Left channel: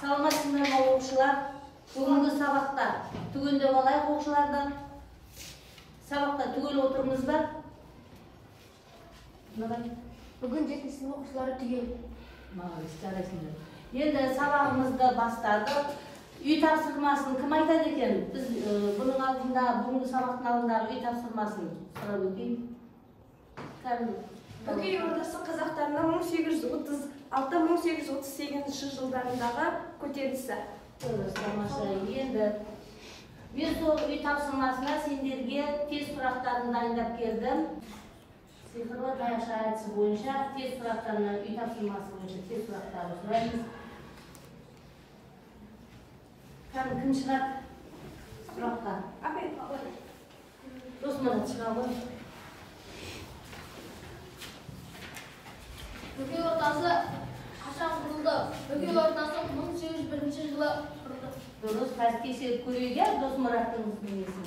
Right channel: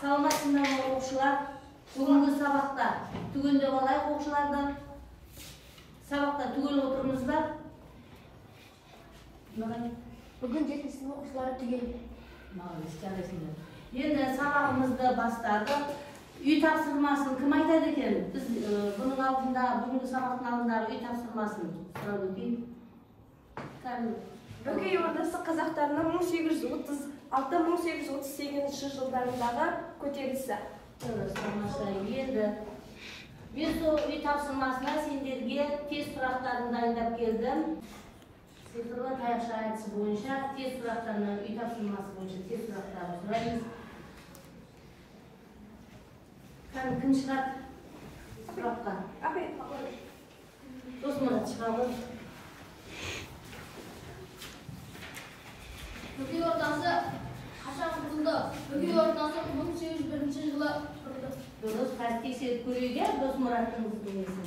Саламатсыздарбы окуучулар? Бүгүнкү сабакта түгөндөп алайык окуучуларды. Сабакта түгөл отурмузбу? Бүгүн 7-сынып окуучулары түгел. Молодец, жарайсыңдар. Енді сабағымызды бастадық. Үй тапсырмасын кім айтады екен? Біз бұның алдында, бүгінгі сабақтың алдындағы үй тапсырмасын сұрап өтейін. Бөкей Ордасы қазақтарының 1836-1838 жылдарындағы көтерілісі. Енді мен сол үй тапсырмасына сендерге тест сұрақтарын дайындап келдім. Сиқырлы таяқша әдісі бойынша тест сұрақтарына, үй тапсырмасы бойынша тест сұрақтарын сұраймыз. Кім шығады сұраққа? Досмұрат шығады. Бөкей Ордасы қашан құрылды? Бөкей Ордасы 1801 жылы құрылды. Дұрыс, қазір тексеріп көрейік, Досмұраттың несін.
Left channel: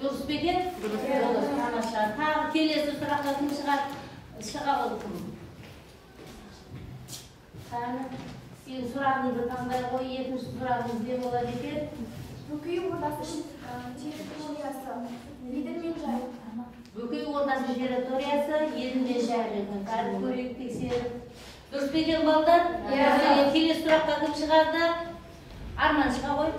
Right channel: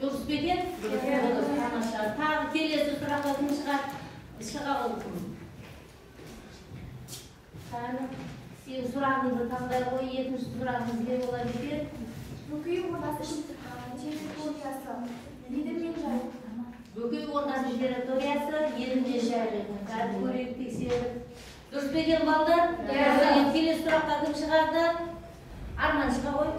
Дұрыс пе екен? Дұрыс, тамаша. Тағы келесі сұраққа кім шығады? Шыға болсын. Сен сұрағыңды таңдай қой, екінші сұрағыңыз не болады екен? Бөкей Ордасы территориясы еділ мен жайық. Бөкей Ордасы территориясы еділ мен жайық екен. Қазір көрейік тексеріп. Дұрыс пе екен балдар? Келесі сұраққа кім шығарды? Арман шыға ғой.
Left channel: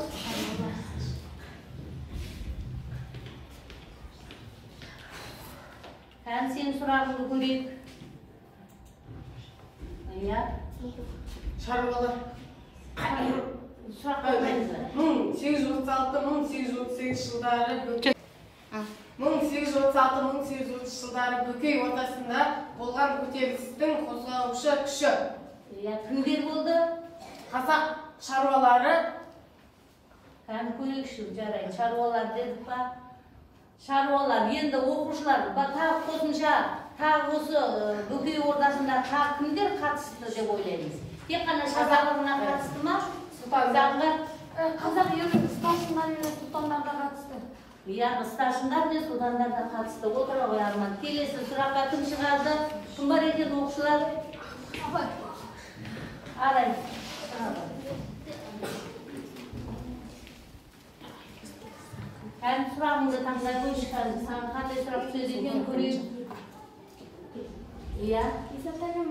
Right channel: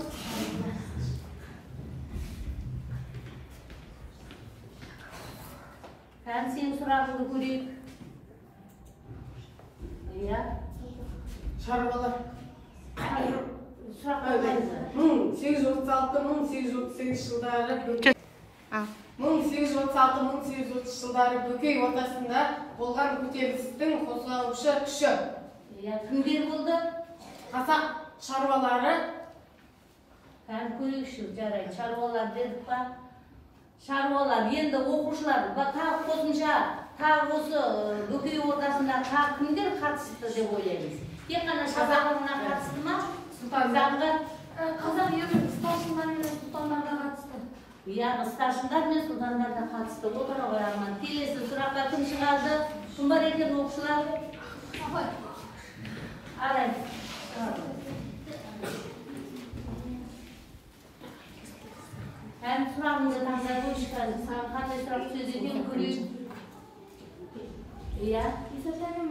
Сен сұрағыңды көрейік. Шаруалар. Сұраққа қайызы? 1836-1838 жылдары 1836-1830 жылдары Бөкей Ордасында болған көтерілістің қозғаушы күші. Кімдер болды? Қазақ шаруалары. Көрейікші, жарайды. Шаруалар дедік па? Шаруалар, енді оқушылар, тағы қосымша, тағы осы Бөкей Ордасында тағы кімдер қатысты деп ойлаймыз? Тек қана қазағына қатысты ма? Қазақ елі старшындар мен сұлтандарға қатысты. Старшындар мен сұлтандар да қатысты. Отыра ғой Арман. Келесі сұраққа кім шығарды? Кім бар екен оқушылар? Абай. Арай. Сұрағыңды таңдай қойшы қазір. Саған қандай сұрақ сөз екен көрейік. Исатай мен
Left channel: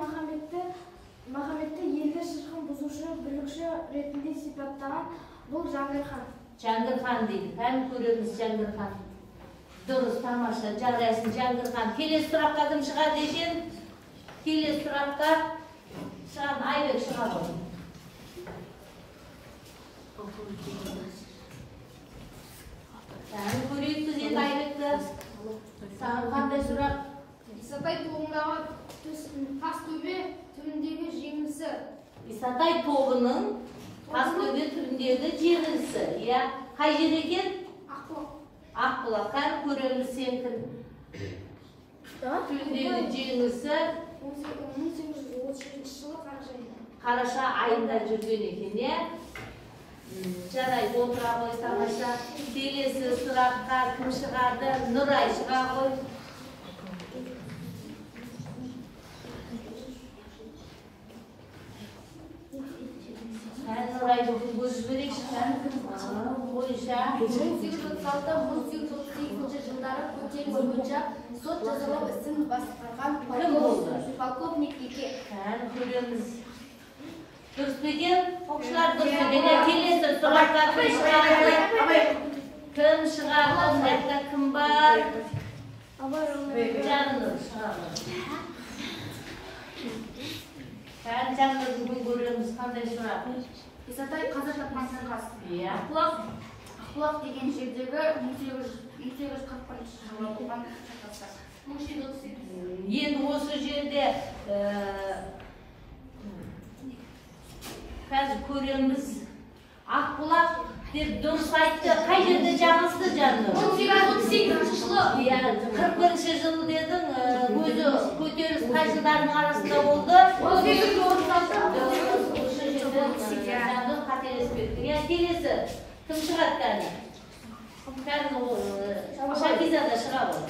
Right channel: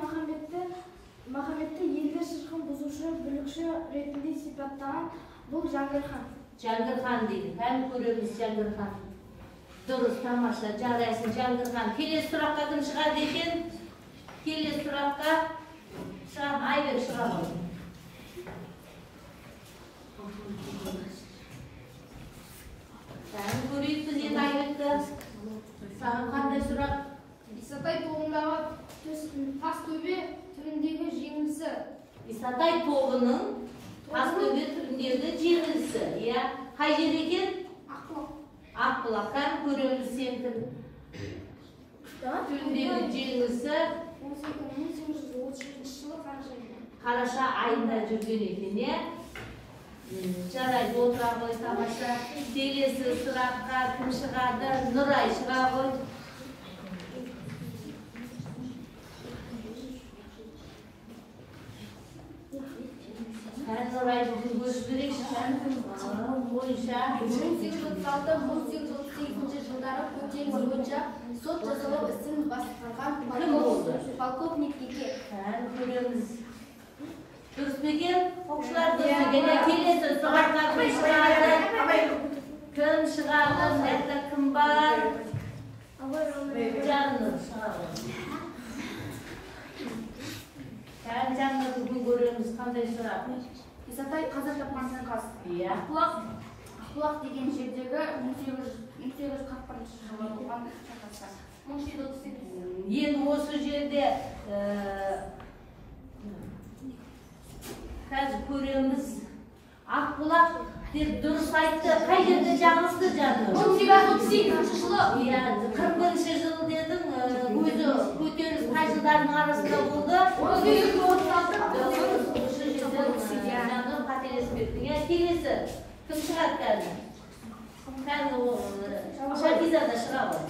Махаметті елді шырқын бұзушы, бүлікші ретінде сипаттаған бұл Жәңгір хан. Жәңгір хан дейді. Көреміз Жәңгір хан. Дұрыс, тамаша, жарайсың Жәңгір хан. Келесі сұраққа кім шығады екен? Келесі сұраққа шығады, Айбек шығады. Көрейік біз енді Айбекті. Саған қандай сұрақ? Исатай тобындағы тас төбе түріндегі жеңілісі. Исатай тобының тас төбе түріндегі жеңілісі. Қай жер екен? Ақбұлақ. Ақбұлақтан көреміз сенің түріндегі жеңілісі 1833 жылы қараша айында. Қараша айында жүрген екен, жарайды, отыра ғой, тамаша. Келесі сұраққа кім шығады? Нұрай шыға ғой. Нұрай бүгін көз жіберекші. Бойынша 1836-1838 жылдары көтеріліс бойынша сот жазалау ісін басқарған полковник Еке. Көреміз. Дұрыс пе екен? Оқушылар дұрыс пе екен? Келесі сұраққа кім шығады? Кім шығады? Мыняқта кім бар? Жаннұр шығады. Жаннұр бүгін көреміз. Қандай сұрақ? Исатай қаза тапқан шайқас. Ақбұлақ деген жердегі 1841 жылы болған шайқастар. 1738. Енді осы жерде қазір көреміз. Ақбұлақ деп дұрыс айтты. Қай жерде жаңылысты Жаннұр? 1838 жылы. 41 жылы дедің, көзі көтеріліс қай жылдардың арасында болды? 1836. Жаннұр қателеспепті. Келесі кім шығады қазір? Шакизада шыға ғой.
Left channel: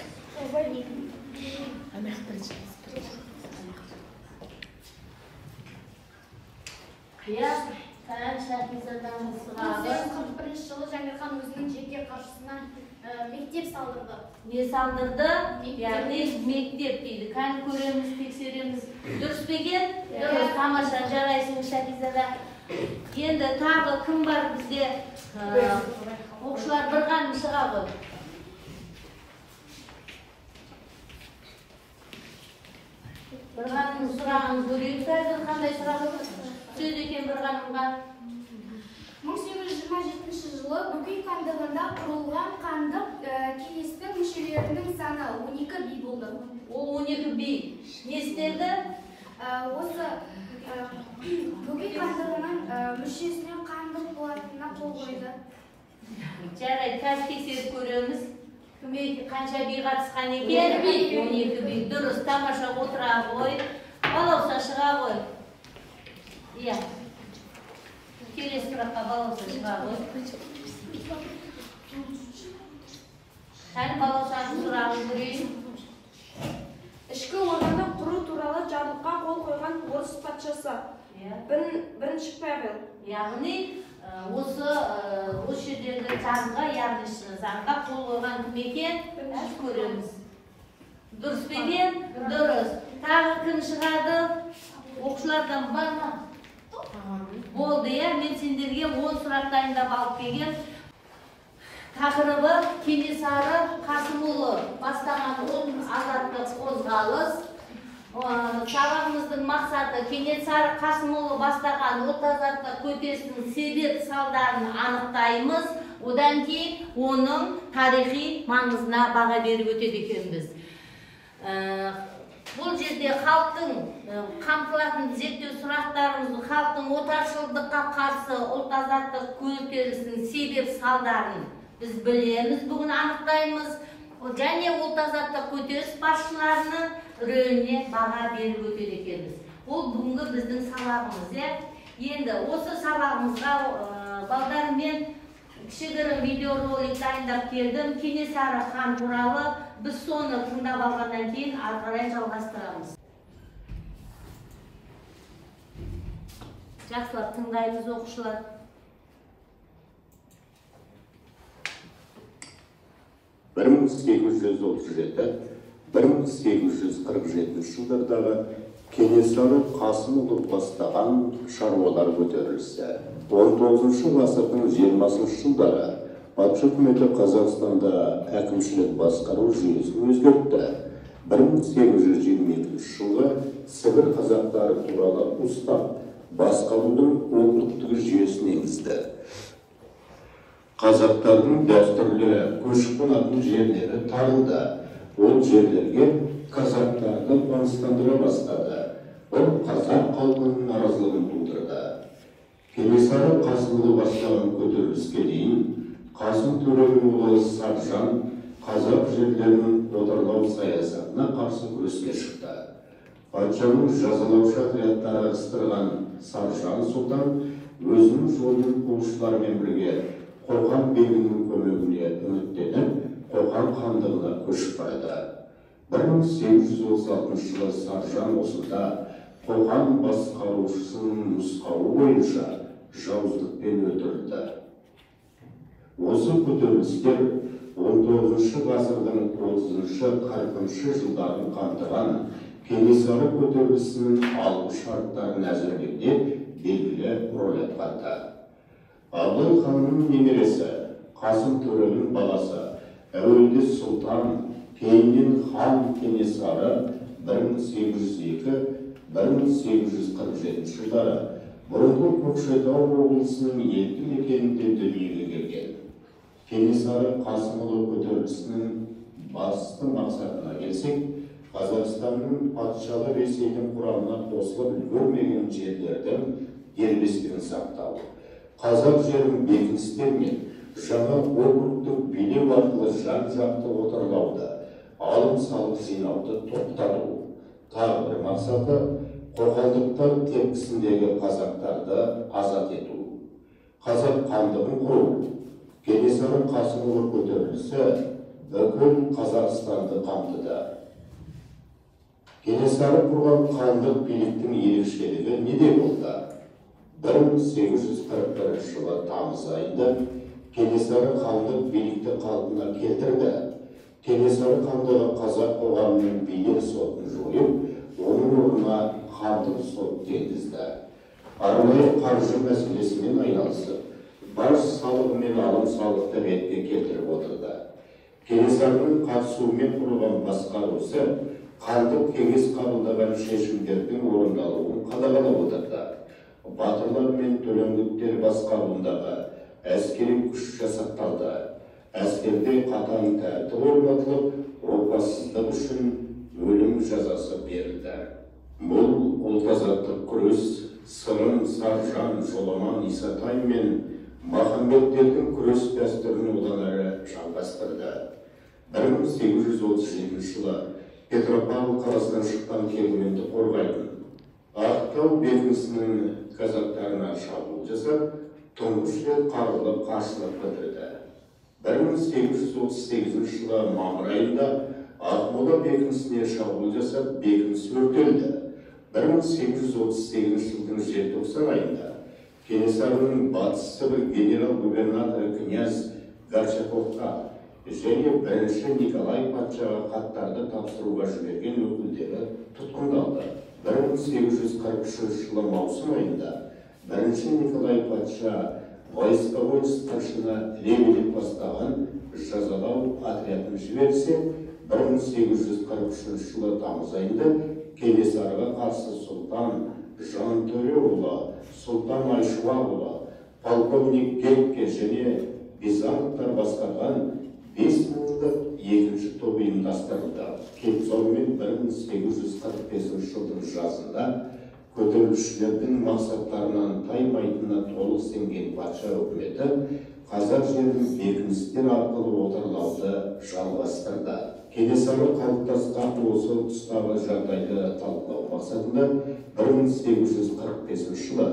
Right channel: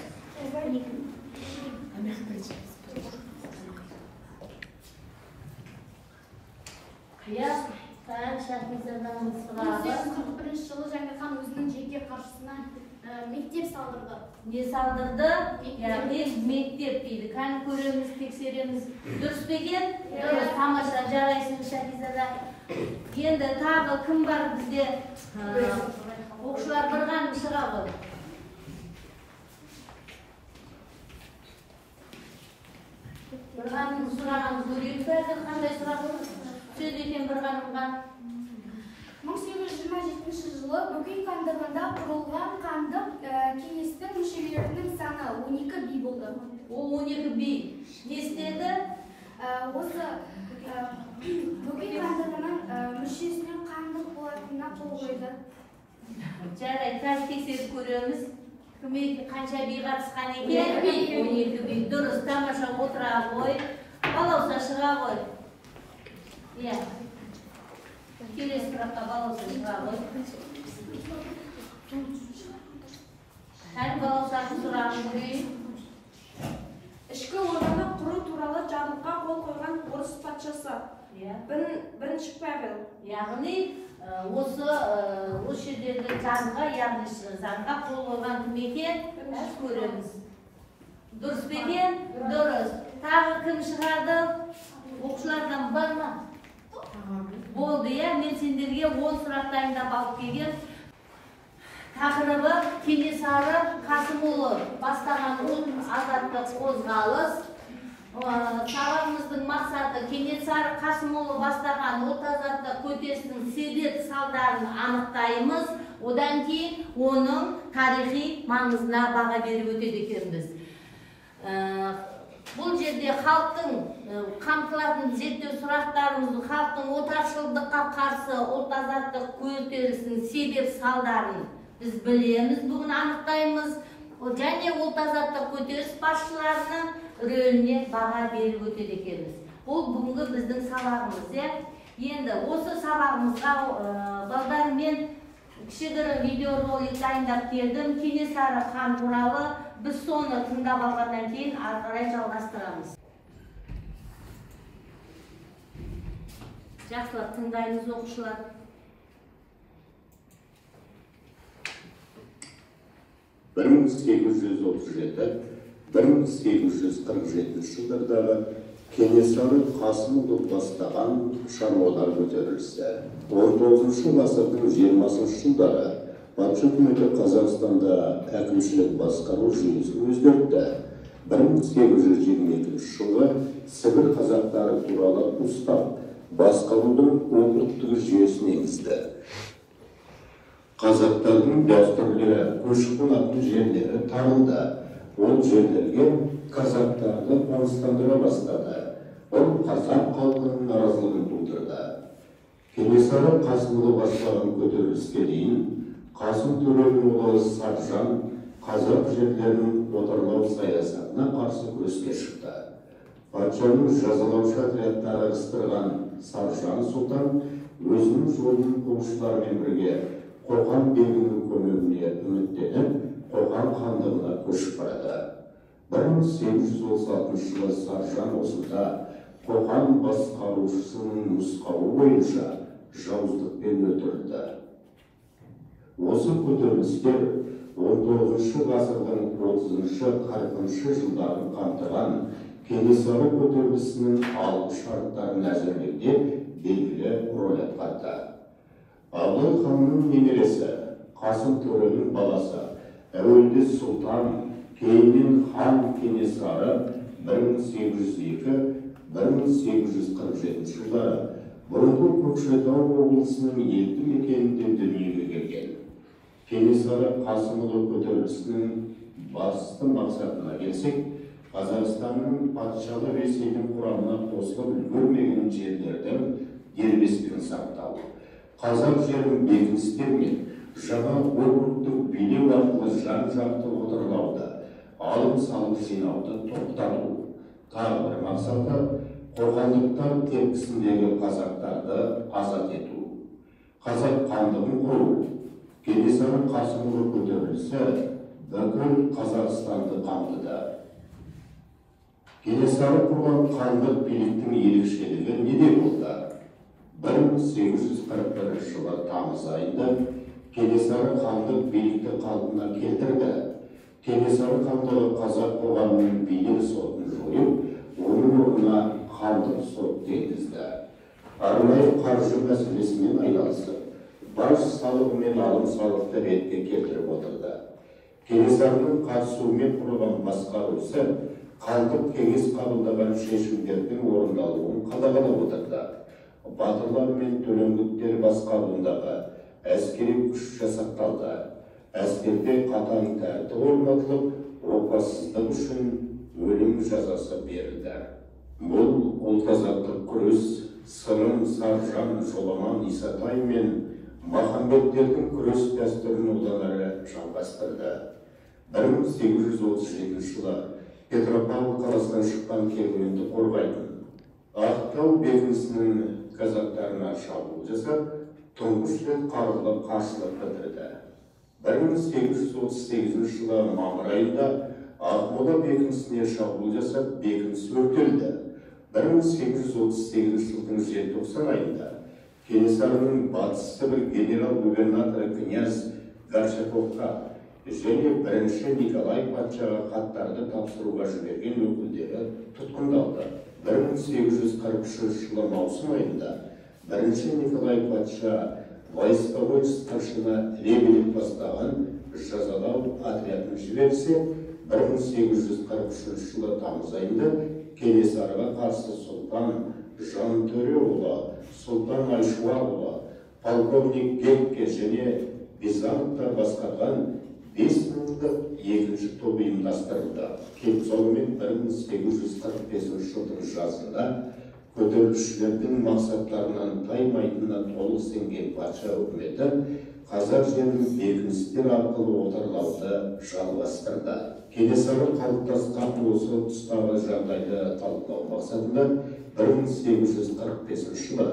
Ya, Tayyip Şahizada'mız sırada 1941 жылы Жаңгір хан өзінің жеке қаржысынан мектеп салдырды. не салдырды? Яғни мектеп дейді. Қан көреміз, тексереміз. Дұрыс па екен? Дұрыс, тамаша, жарайсың Шахизада. Енді тағы кім бар бізде? Оқушылар бір ғаным шыға ғой. Bir ғаным сұрағын көрейік. Қазір қандай сұрағын сөз екен бір ғанымға? 1827 жылы Бөкей хандығында құрылған хандық кеңестің мүшелерінің саны 12 би болды. Ол 12 би. Не істеді? Осы Бөкей хандығының мүшесіне хандық болатынына қол қойды. Жарайды, қазір тексеріп көреміз. Қанша би қатысқан екен? 12 би. Дұрыс, тамаша отыра ғой. Балауса шыға ғой. Иә. Келесі сұраққа балауса шыға ғой. Қайын балаусаның сұрағын көрейін. Ішкі орданы құру туралы жарлыққа қол қойған орыс патшасы. Бірінші Павел. Яғни осы жердегі заңға, яғни заңға қол қойған кім екен? Көреміз. Дұрыс па екен? Дұрыс. Тағы кім шығады? Оқушылардан бар ма? Болды, мен сендерге 10 сұрақ дайындап алып келген. Тақырыбы Кенесары Қасымұлы бастаған азаттық қозғалыс. Сабағымыздың мақсаты Кенесары Қасымұлы бастаған азаттық көтерілісінің себеп салдарын анықтаймыз. Одан кейін оның тарихи маңызына баға беріп өтеді екенбіз. Бұл жерде халықтың қамтылатын зерттеу сұрақтарымыз халықтың отаршылдыққа қарсы ұлт азаттық көтерілісінің себеп салдарын біз білеміз, бүгін анықтаймыз. Және ұлт азаттық көтеріліс басшыларының рөліне баға беріп өтеді екенбіз. Ол бүгінгі біздің сабағымыз. Енді осы сабағымызға балдармен кішігірім видеоролик дайындап келдім. Кенесары хан туралы біз соны тыңдап алғаннан кейін ары қарай жалғастырамыз. Жақсылап тыңдаймыз оқушылар. бір мың 1837-1847 жылдардағы Кенесары Қасымұлы бастаған шаруалар көтерілісі. 19 ғасырдың 20 жылдары патша үкіметі Қазақстанда әкімшілік басқару жүйесін өзгертті. 1822 жылы Сібір қазақтары туралы устав басқарудың округтік жүйесін енгізді. Қазақтардың дәстүрлі көшіп қонатын жерлері тарылды. Ол жерлерге қазақтарды қоныстандыра бастады. Ол қазақ халқының наразылығын тудырды. Кенесары Қасымұлы бастаған көтеріліске дейін Қасым Төренің ұлы Саржан қазақ жерлерінің отарлау саясатына қарсы күреске шықты. Патшаның жазалаушы отрядтары ығыстырған Саржан сұлтан өзінің жолын қуушылармен бірге Қоқан бегінің көмегіне үміттеніп, Қоқан хандығына көшіп барды. 1836 жылы Саржан осында Қоқан басқарушысының нұсқауы бойынша жауыздықпен өлтірілді. Осы көтерілістер 19 ғасырдың 30-40 жылдарын қамтыған Кенесары көтерілісінің алғы шарттарын әзірлеуде белгілі рөл атқарды. Абылай ханның немересі, Қасым Төренің баласы, әуелде сұлтан, кейіннен хан Кенесары 1802-1847 жылдары бұрынғы Көкшетау облысының елді мекенінде дүниеге келген. Кенесары Қасымұлы көтерілісінің басты мақсатына келсек, Қазақстанның патшалы Ресейдің құрамына қосылып үлгермеген жерлердің дербестігін сақтау, қазақ жерінің бекіністер мен жаңа округтік билеу арқылы жан-жақты отарлауды, алым-салық жинауды тоқтату. Тағы бір мақсаты қоқандықтар тепкісіндегі қазақтарды азат ету. Қазақ хандығын құру. Кенесары Қасымұлы көтерілісі бүкіл Қазақстанды қамтыды. Кенесары құрған хандық биліктің ерекшелігі неде болды? 1841 жылы тамыз айында Кенесары хандық билікті қалпына келтірді. Кенесары хандығы қазақ қоғамының билік сотын жойып, оның орнына хандық сот енгізді. Арнайы қаржы мәселесімен айналысып, баж салығы мен алым салықты ретке келтіріп отырды. Кенесарының қатысуымен құрылған басқару ісі хандық кеңес қабылдаған шешімдердің орындалуын қадағалап отырды. Батырлар мен төлеңгіттер басқаруындағы әскери күш жасақталды. Әскерде қатаң тәртіп орнатылып, опасыздық үшін өлім жазасы берілді. Бұл ұлт-азаттық күрес Сырым, Саржан, Жоламан, Исатай мен Махамбеттердің күрес дәстүрін одан әрі жалғастырды. 1837 жылы Петропавл қаласынан шыққан керуенді қорғайтын Ақтау бекінісінің казактарына шабуыл жасап, тұңғыш рет қарулы қарсылық білдірді. 1838 жылы мамыр айында Ақмола бекінісіне шабуыл жасап, бекініс өртелді. 1838 жылдың желтоқсан айында Кенесарының Батыс Сібір генерал-губернаторы князь Горчаковқа және бірінші Николай патшаға хаттарды тапсыруға жіберген өкілдері тұтқындалды. 1843 жылы маусым айында бірінші Николай патша войсковой старшина Лебедев бастаған жазалау отрядын жіберсе, 1843 жылы тамыз айында Кенесарыға қарсы Сұлтан Жантөреұлы, Сұлтан Айшуақұлы, полковник Гетке және Бизановтар басқарған 5000-ді екінші топ ұйымдастырылды. Сонымен 1845 жылдың жазында көтерілісшілердің мақсаттарынан таймайтынына толық сенген патша үкіметі қазақ жерін бекіністер арқылы отарлауды жалғастырды. Кенесары қалыптасқан осы тұстағы жағдайды талқылау мақсатында 1845 жылы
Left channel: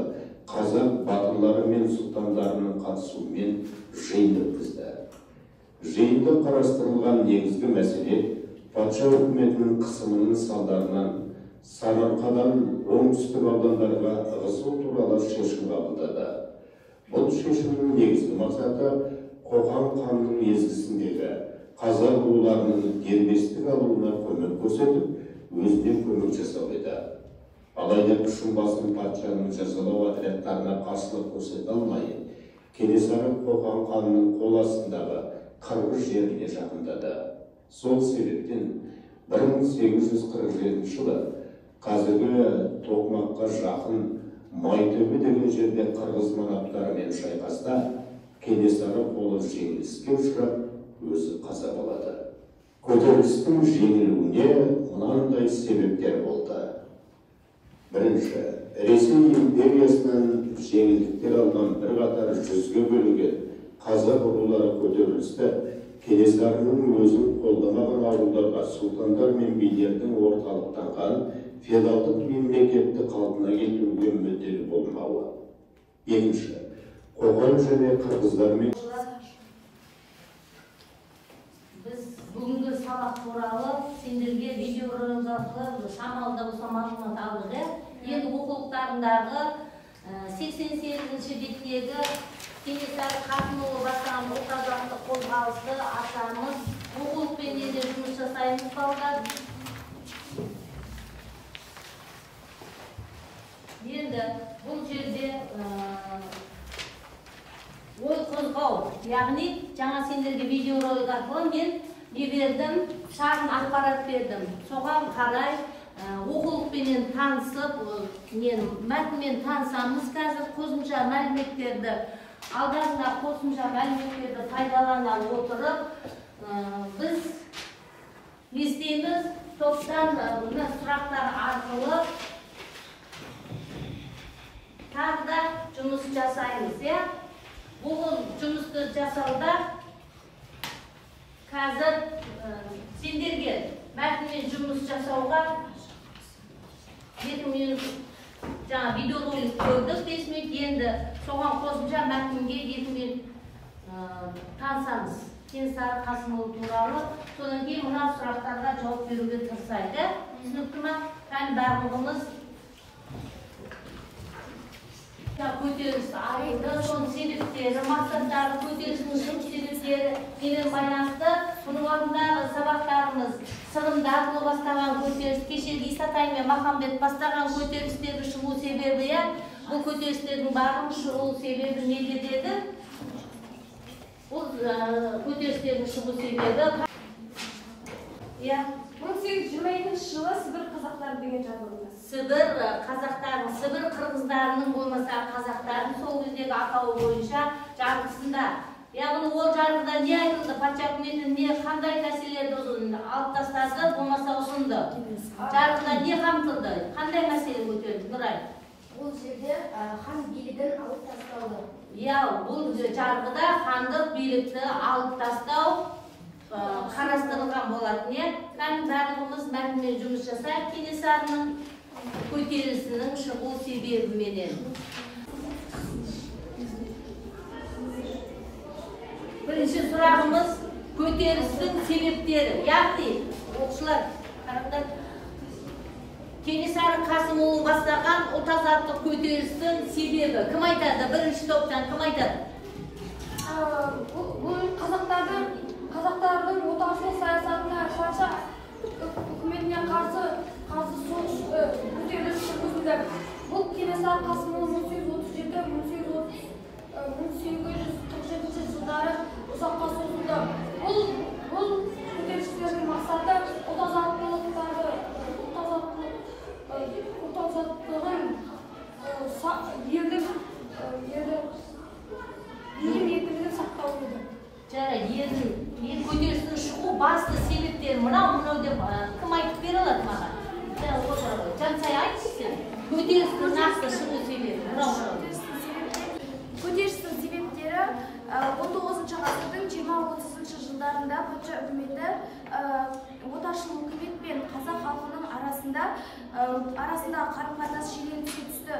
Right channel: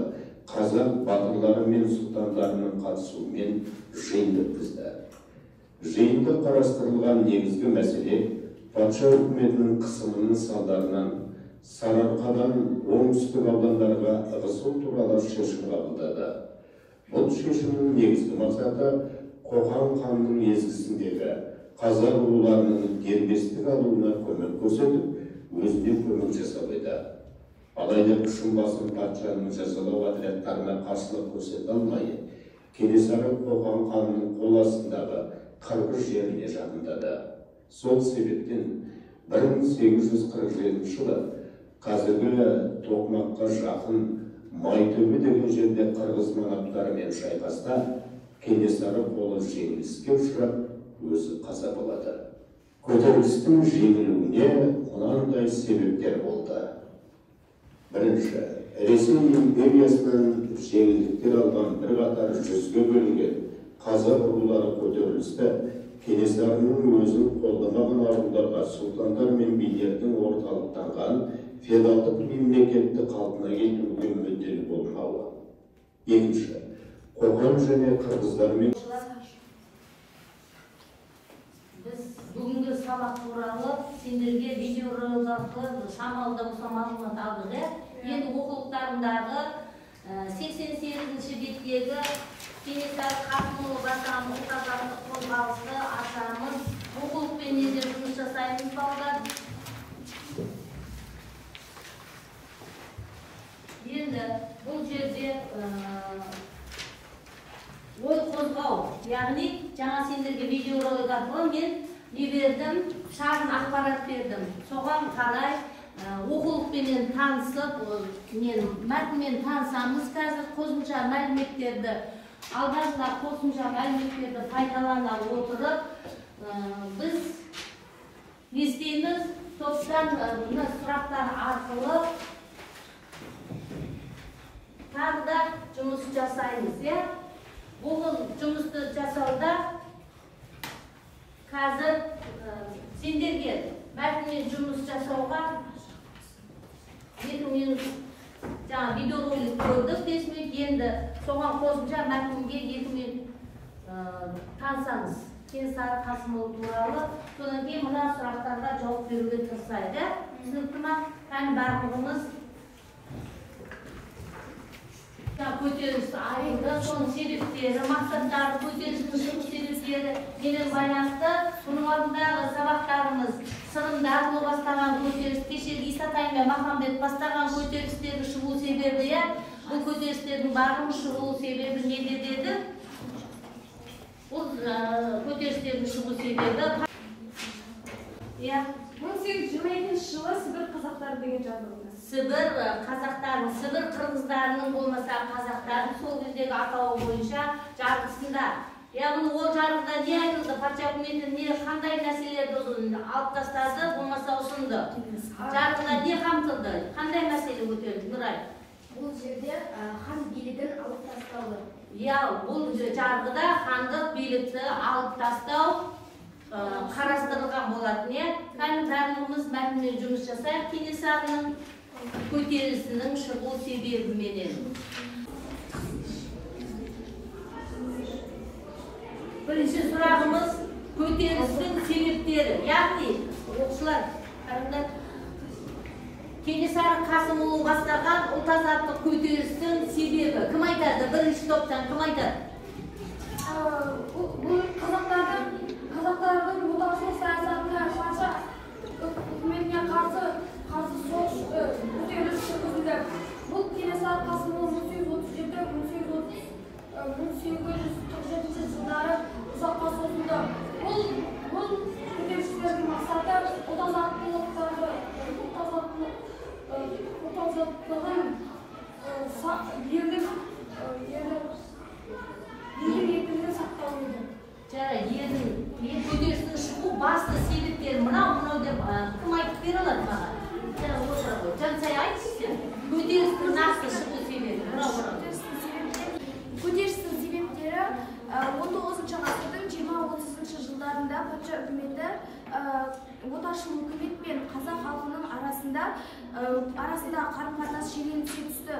қазақ батырлары мен сұлтандарының қатысуымен жиын өткізді. Жиында қарастырылған негізгі мәселе патша үкіметінің қысымының салдарынан Сарыарқадан оңтүстік аудандарға ығысу туралы шешім қабылдады. Бұл шешімнің негізгі мақсаты Қоқан ханның езгісіндегі қазақ руларының дербестік алуына көмек көрсетіп, өзіне көмек жасау еді. Алайда күшін басым патшаның жазалау отрядтарына қарсылық көрсете алмай, Кенесары Қоқан ханның қол астындағы Қырғыз жеріне жақындады. Сол себептен 1847 жылы қазіргі Тоқмаққа жақын Майтөбе деген жерде қырғыз манаптарымен шайқаста Кенесары қолы жеңіліске ұшырап, өзі қаза болады. Көтерілістің жеңілуіне мынандай себептер болды. Бірінші, Ресей империясынан жеңілдіктер алған бір қатар жүзге бөлінген қазақ рулары көтерілісті Кенесарының өзін қолдамаған ауылдарға сұлтандар мен билердің орталықтанған феодалдық мемлекетті қалпына келтіруге мүдделі болмауы. Екінші, Қоқан және қырғыздармен біз бүгінгі сабақ туралы сендерге видеоролик арқылы шамалы да болса мағлұмат алдық. Енді оқулықтарындағы 88-ші беттегі Кенесары Қасымұлы бастаған ұлт-азаттық қозғалысты ашамыз, оқулықпен езер жұмыс жасаймыз балдар. Енді бұл жерде ой қозғау, яғни жаңа сендерге видеоролик арқылы мен не бердім, шағын ақпарат бердім. Соған қарай оқулықпенен танысып, мәтінмен танысамыз. Қазір қосымша мәліметтерді, алдарында қосымша мәліметтерді пайдалана отырып, біз не істейміз? Топтан сұрақтар арқылы тағы да жұмыс жасаймыз. Бұл жұмысты жасауда қазір сендерге мәтінмен жұмыс жасауға 7 минут жаңа видеоролик көрдік, 5 минут енді соған қосымша мәтінге 2 минут танысаңыз. Кенесары Қасымұлы туралы, содан кейін мына сұрақтарға жауап беруге тырысайық. Түсінікті ма? Кәні барлығымыз көтеріліс айында соның себептері, мақсаттары, көтерілістің шығу себептері келе байланысты. Мұның алдындағы сабақтарымыз сырымдар бастаған көтеріліс, кешегі Исатай мен Махамбет бастаған көтерілістердің шығу себебі, бұл көтерілістердің барлығының шығу себебі неде деді? Бұл көтерілістердің шығу себебі 1822 жылы Сібір қазақтары деген жазылды. Сібір қазақтарын, Сібір қырғыздарының болмаса қазақтарын сол кездегі атауы бойынша жарғысында. Яғни ол жарғыда не айтылды, патша үкіметі не қандай мәселелерді алып тастады, болмаса ұсынды. Жарғыда не қамтылды, қандай мәселе көтерілді, Нұрай? Бұл жерде хан билігін алып тастауды. Бұл жарғыда хандық билікті алып тастау қарастырылған болатын. Кәні барлығымыз мәтінмен жұмыс жасайық. Кенесарының көтерілісінің шығу себебіменен. Бірінші сұрағымыз көтерілістің себептері. Яғни, оқушылар, қараңдар, Кенесары Қасымұлы бастаған ұлт-азаттық көтерілістің себебі. Кім айтады? Бірінші топтан кім айтады? Бұл қазақтардың отаршылық саясатына патша үкіметіне қарсы соғыс көтеріліс жүргізілді. Бұл Кенесары Қасымұлы 1837-1847 жылдары ұзаққа созылды. Бұл көтерілістердің мақсаты елдің сақтау еді. Елдің көтерілісінің шығу басты себептері мынау деп кім айтып бере алады маған? Жансай айтшы сен. Көтерілістің нақты шығу себебі. Көтерілістің себептері 19 ғасырдың 20-30 жылдарында патша үкіметі отаршыл үкімет пен қазақ халқының арасында қарым-қатынас шиелене түсті.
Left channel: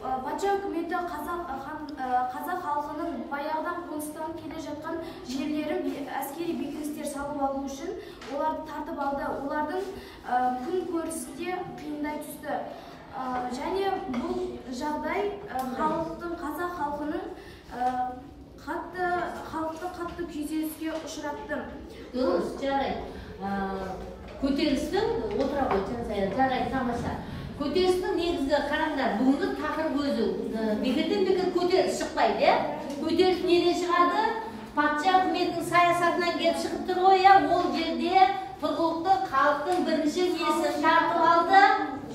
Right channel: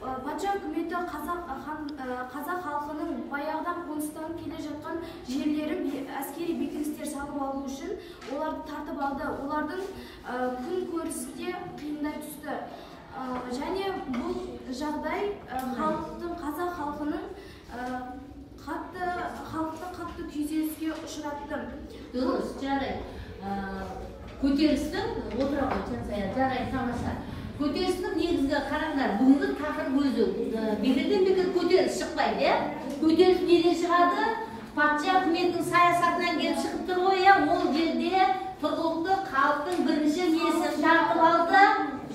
Патша үкіметі қазақ халқының баяғыдан қоныстанып келе жатқан жерлерін әскери бекіністер салып алу үшін оларды тартып алды. Олардың күн көрісі де қиындай түсті. Және бұл жағдай қазақ халқының қатты күйзеліске ұшыратты. Дұрыс, жарай. Көтерілістің отыра ғой, жарай, тамаша. Көтерілістің негізгі қараңдар, бүгінгі тақырып өзі. Бекерден бекер көтеріліс шықпайды. Көтеріліс неден шығады? Патша үкіметінің саясатынан келіп шығып тұр ғой, ол жерде тұрғылықты халықтың бірінші несін тартып алды.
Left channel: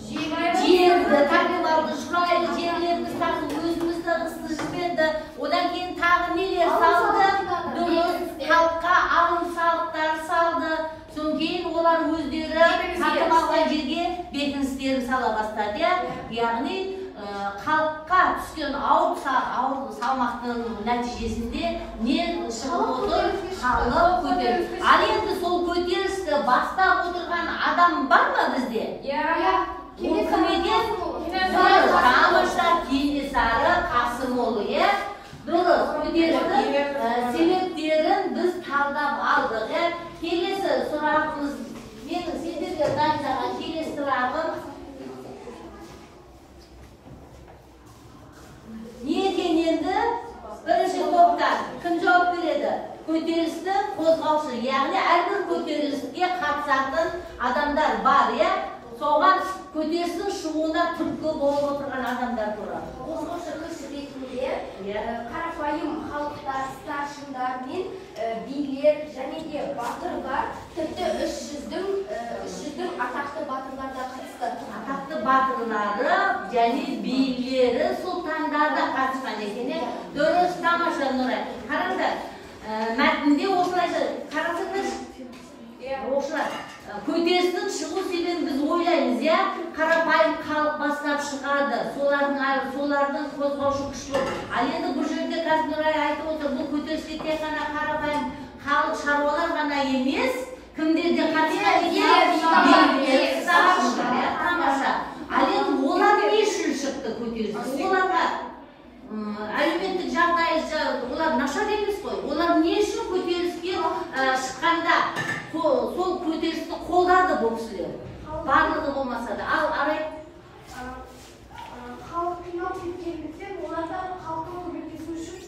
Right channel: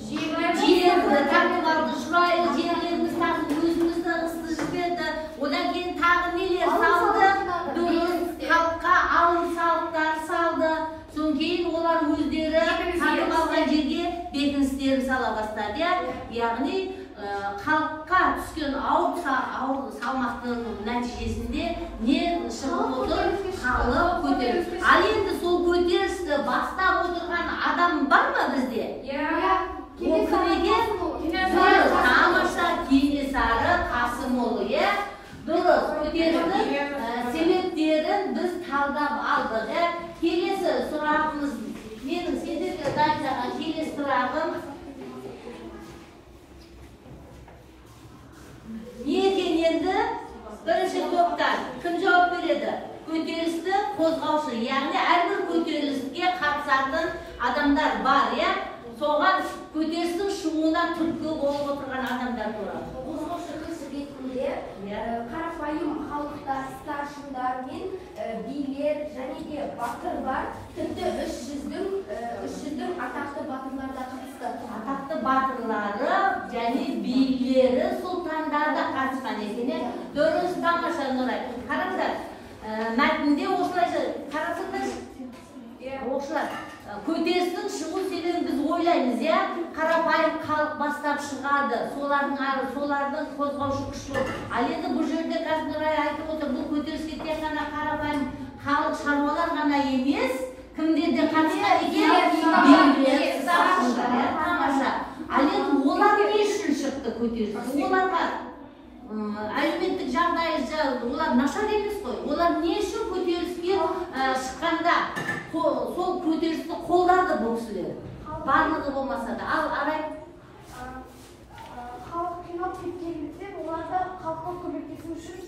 Жерді тартып алды, шұрайлы жерлеріміз тартып, өзімізді ысты жіберді. Одан кейін тағы нелер салды, дұрыс халыққа алым салықтар салды. Содан кейін олар өздері тартып алған жерге бекіністерін сала бастады. Яғни халыққа түскен ауыр салмақтың нәтижесінде не шығып отыр? Халық көтеріліс. Ал енді сол көтерілісті бастап отырған адам бар ма бізде? Кенесары Қасымұлы. Дұрыс, көтерілістің себептерін біз талдап алдық. Келесі сұрағымыз, менің сендерге дайындаған келесі сұрағым не екен енді? Бірінші топтан кім жауап береді? Көтерілістің қозғаушы, яғни әрбір көтеріліске қатысатын адамдар бар, соған көтерілістің шығуына түрткі болып отырған адамдар туралы. Қозғаушы кісі ретінде қарапайым халықтар, старшындар мен билер және де батырлар, тіпті 300-дің атақты батырлар да қатысты. Атақты батырлары және билері, сұлтандар да қатысқан екен. Дұрыс, тамаша, Нұрай. Қараңдар, мәтінде осылайша қарасаңдаршы. Оқушылар, көтерілістің шығу себебін біз ойлаймыз, қарапайым халық бастап шығады, солардың қозғаушы күш болып. Ал енді бұл жерде қазір Нұрай айтып отыр, бұл көтеріліске тек қана қарапайым халық шаруалар ғана емес, кімдер де қатысқан ал енді олар не үшін шықты көтеріліс? Оларға әлеуметтік жағдайы, олар нашар емес қой. Олар не үшін көтеріліске шыққанда сол көтерілісті қолдады бұл кісілер? барлығы болмаса да. Ал Арай? Халық қиналып кеткендіктен оларда халықтың көмектесу үшін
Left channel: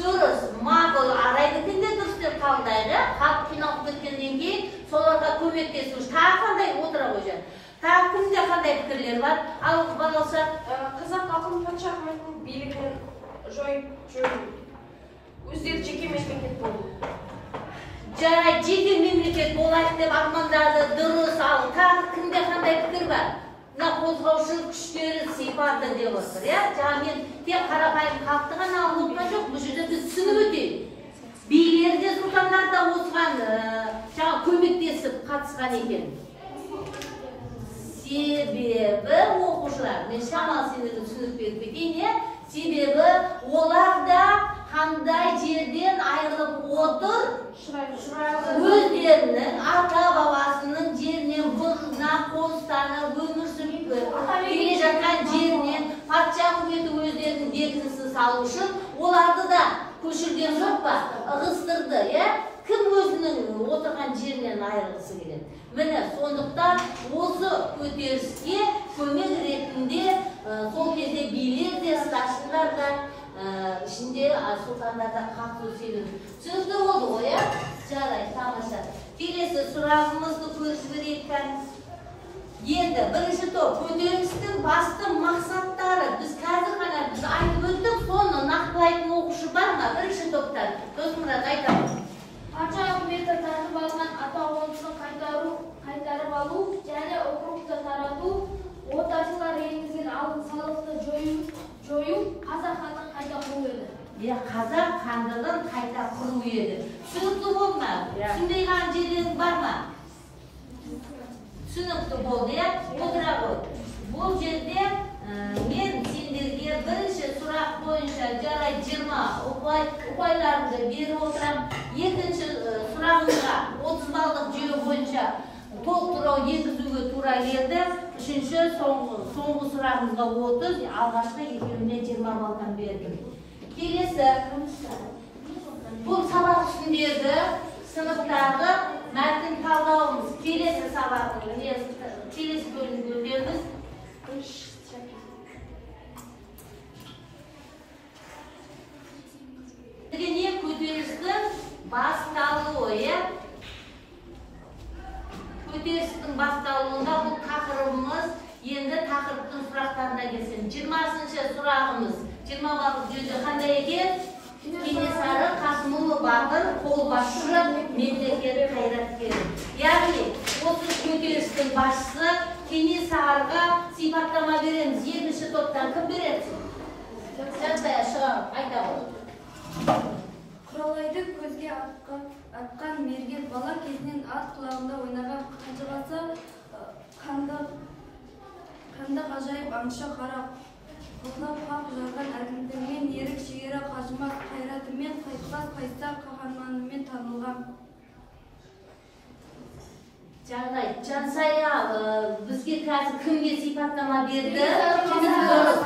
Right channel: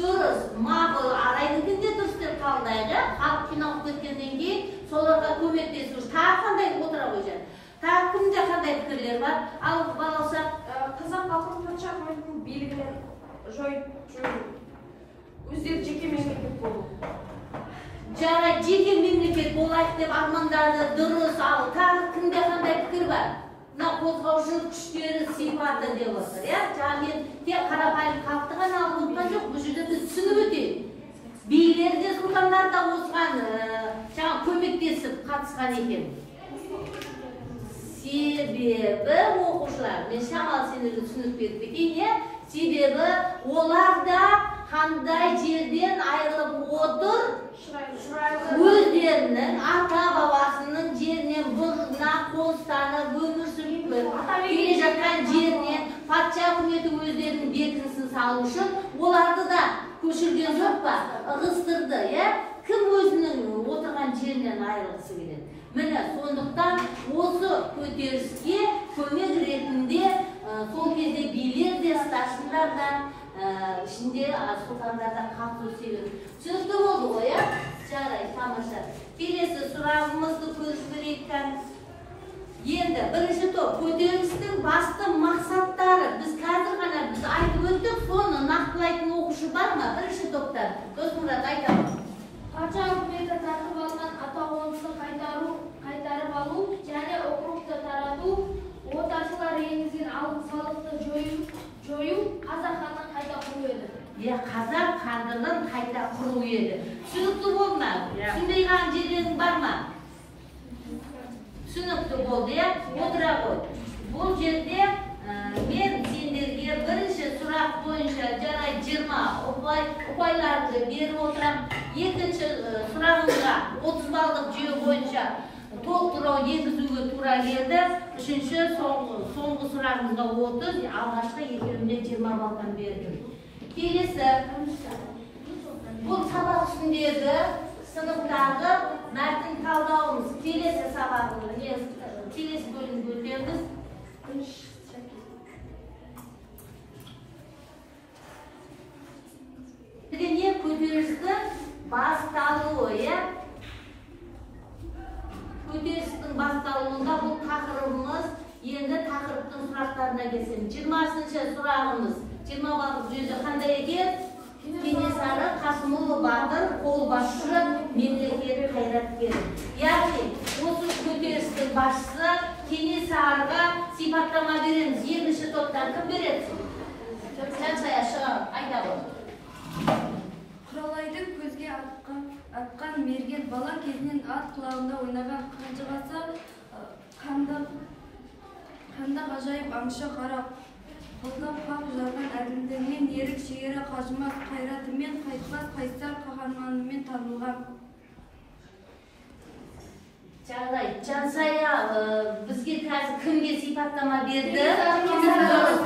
Дұрыс, мағыл Арайдікін де дұрыс деп қабылдайды. Халық қиналып кеткеннен кейін соларға көмектесу үшін. Тағы қандай отыра қойған? Тағы кімде қандай пікірлер бар? Ал балауса? Қазақ халқын патша үкіметінің билігінен жойып өздері жеке мемлекет болу. Жарайды, жеке мемлекет болайық деп армандады, дұрыс. Ал тағы кімде қандай пікір бар? Мына қозғаушы күштері сипаты деп отыр, иә? Жаңа мен тек қарапайым халықты ғана ұмытқан жоқ, бұл жерде біз түсініп өтейік. Билер де сұлтандар да осыған жаңа көмектесіп қатысқан екен. Себебі оқушылар, мен шамалы сендерді түсініп беріп кетейін, себебі олар да қандай жерден айырылып отыр, өздерінің ата бабасының жерінен бұрыннан қоныстанып өмір сүріп келе жатқан жерінен патша үкіметі өздерінің бекінісін салу үшін оларды да көшірген жоқ па, ығыстырды, кім өзінің отырған жерінен айырылғысы келеді. Міне, сондықтан осы көтеріліске көмек ретінде сол кезде билер де, старшындар да, ішінде сұлтандар да қатысу себебі. Түсінікті болды ғой, иә? Жарайды, тамаша. Келесі сұрағымызды көріп берейік. Енді бірінші топ көтерілістің басты мақсаттары. Біз қазір ғана айтып өттік, соны нақтылайтын оқушы бар ма? Бірінші топтар. Досмұрат, айтамыз. патша үкіметі тартып алған ата-қонысын қайтарып алу және округты тарату, отаршылар енгізген алым салықты жою қазақ хандығын қайта құру еді. Қазақ хандығын қайта құру еді. Түсінікті болды ма? Түсінбей қалған жерлерің бар ма? Түсінікті болды, отыра ғой. Бұл жерде мен сендерге бірінші сұрақ бойынша жарай 20 ұпайларды беріп отырам. Екінші сұрағымызға 30 балдық жүйе бойынша толықтыру енгізуге тура келді. Үшінші соңғы сұрағымызға 30, алғашқы екеуіне 20 балдан бердім. Келесі, бұл сабақ үстіндегі сыныптағы мәтін талдауымыз. Келесі сабағын, келесі бөлімді өтеміз. Не көтерілістің басталуы, көтерілістің басталуында бұл тақырыбымыз, енді тақырыптың сұрақтарына келсем. 20-шы сұрағымыз, 20 балдық жүйеде қандай екен? Кенесары Қасымұлы Батыр, қолбасшы, мемлекет қайраткері. Яғни, осы көтерілістің басшысы Кенесарыға сипаттама береміз. Екінші топтан кім береді? Жансая шығарып, айта ғой. Құралайды көзге атқан мерген бала кезінен ат құлағында ойнаған қанжығасы қанда ғажайып аңшы қара қолдау қақ жарған әділдігімен ерік шегері қажымас қайратымен қайтпас қайсар қаһарманымен танылған. Жарайды, Жансая бізге қазір кімге сипаттама берді?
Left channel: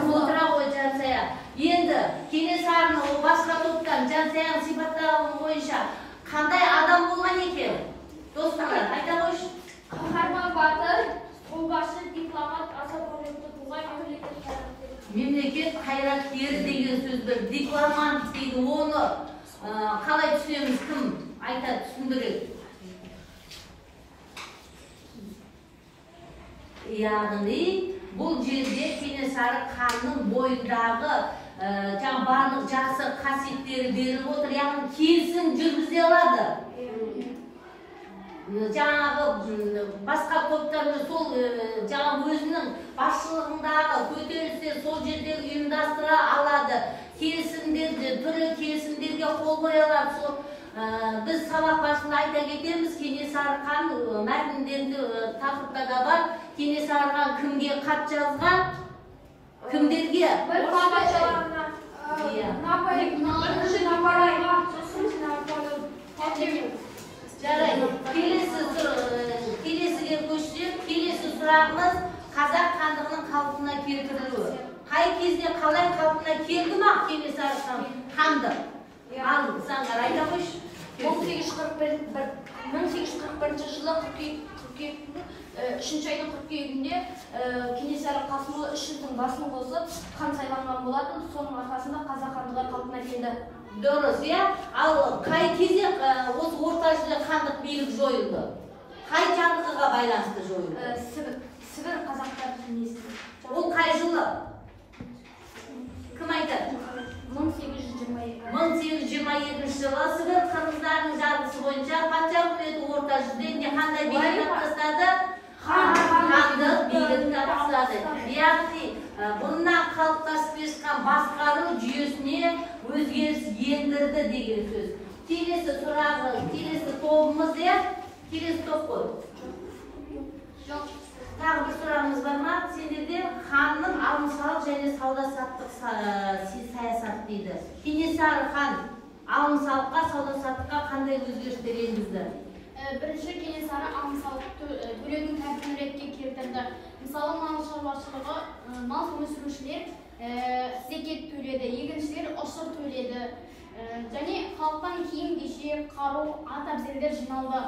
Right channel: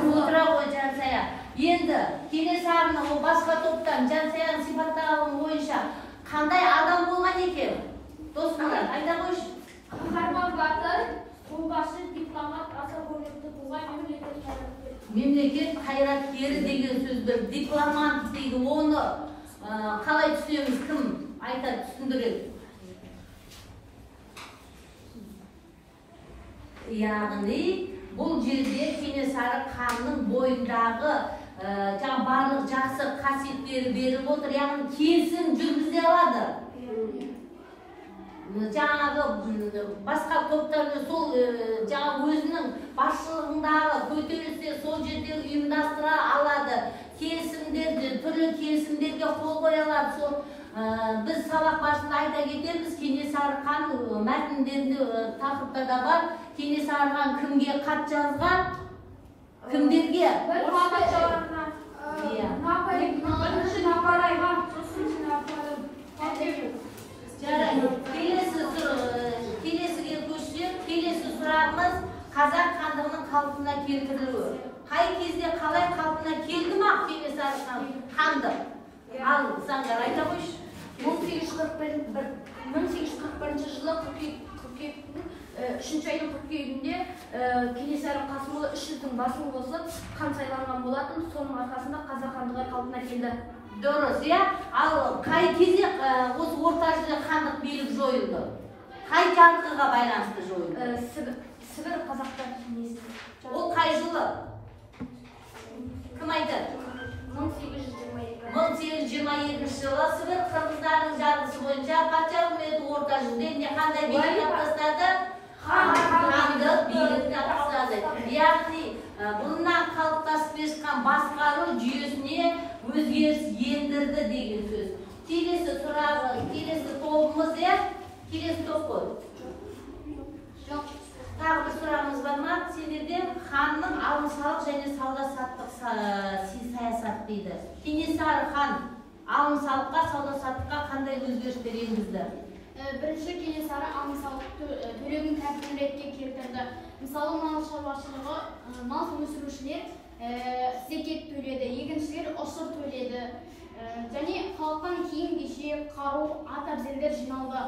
Отыра ғой Жансая. Енді Кенесарының басқа топтан Жансаяның сипаттауы бойынша қандай адам болған екен? Досмұрат, айта қойшы. Қаһарман батыр, қолбасшы, дипломат, аса көрнекті тұлға, мемлекет қайраткері деген сөз бір. Дипломат дейді, оны қалай түсінеміз, кім айта түсіндіреді? Яғни, бұл жерде Кенесары ханның бойындағы барлық жақсы қасиеттері беріп отыр, яғни келісім жүргізе алады. Жаңағы басқа топтарды сол өзінің басшылығындағы көтерілісте сол жерде ұйымдастыра алады. Келісімдерді, түрлі келісімдерге қол қоя алады. Біз сабақ басында айта кетеміз, Кенесары хан мәтіндерінде тақырыпта да бар. Кенесары хан кімге хат жазған? Кімдерге? Жарайды. Келесіге көшсек, келесі сұрағымыз қазақ хандығының қалпына келтірілуі. Қай кезде қалай қалпына келді ма Кенесары хандық? Ал заңдар айта қойшы. 1841 1841 жылы қыркүйектің 3 айдың қыркүйегінде Кенесары Қасымұлы 3 жылдың басын қосып хан сайланған болатын. Соның арқасында қазақ хандығы қалпына келді. Дұрыс, иә? Ал қай кезде осы орта жүзде хандық билік жойылды? Қай жарлыққа байланысты жойылды? Сібір қазақтар кеңесі. Ол қай жылы? Кім айтады? 1822 жылы Сібір қырғыздарының жарғысы бойынша патша үкіметі орта жүзде қандай билік тастады? Хандық билік тастады. Яғни бұрыннан қалыптасып келе басқару жүйесіне өзгеріс ендірді деген сөз. Келесі сұрағы, келесі тобымыз иә? Келесі топ қой. Жоқ. Тағы бір сұрағымыз бар ма? Сендерден ханның алым-салық және сауда-саттық саясаты дейді. Кенесары хан алым-салыққа, сауда-саттыққа қандай өзгерістер енгізді? Бірінші Кенесары алым-салық төлеудің тәртібін ретке келтірді. Мысалы, мал шаруашылығы, мал өсірушілер зекет төледі, егіншілер ұшыр төледі. Және халықтан киім-кешек, қару, ат-әбзелдер жиналды.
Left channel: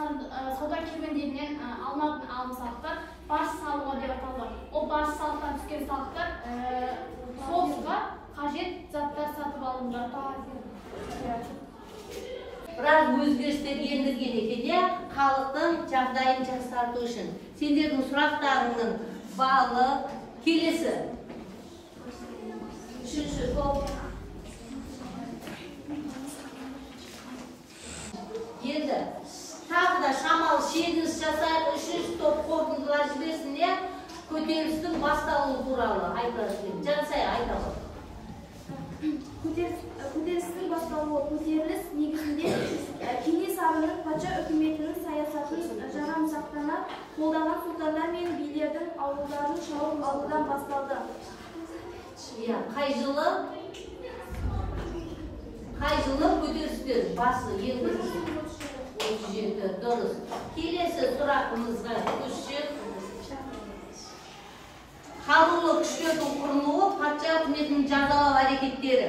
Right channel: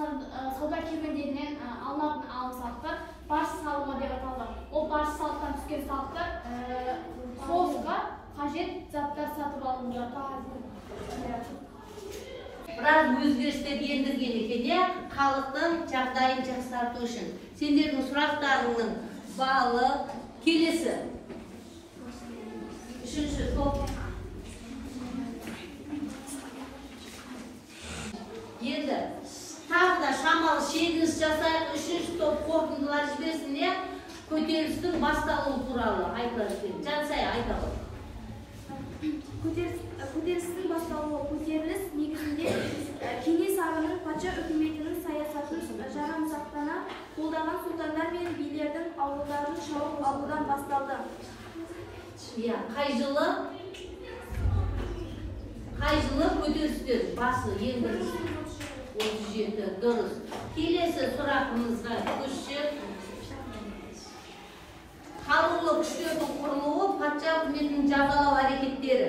Сауда керуендерінен алынатын алым-салықтар баж салығы деп аталған. Ол баж салықтан түскен салықтар соғысқа қажет заттар сатып алынды. Біраз өзгерістер ендірген екен, халықтың жағдайын жақсарту үшін. Сендердің сұрақтарының балы келесі. Үшінші топ. Енді тағы да шамалы шегініс жасайық, үшінші топ қорытындылар жіберсін, көтерілістің басталуы туралы айтады. Жансай айтады. Көтерілістің басталуы көтеріліс негізінде Кенесарының патша үкіметінің саясатын жарамсақтана қолдаған сұлтандар мен билердің ауылдарын шауып алудан басталды. Қай жылы көтерілістер басы ең бірінші? 37, дұрыс. Келесі сұрағымызға көшсек. Қарулы күштердің құрылуы, патша үкіметінің жазалау әрекеттері.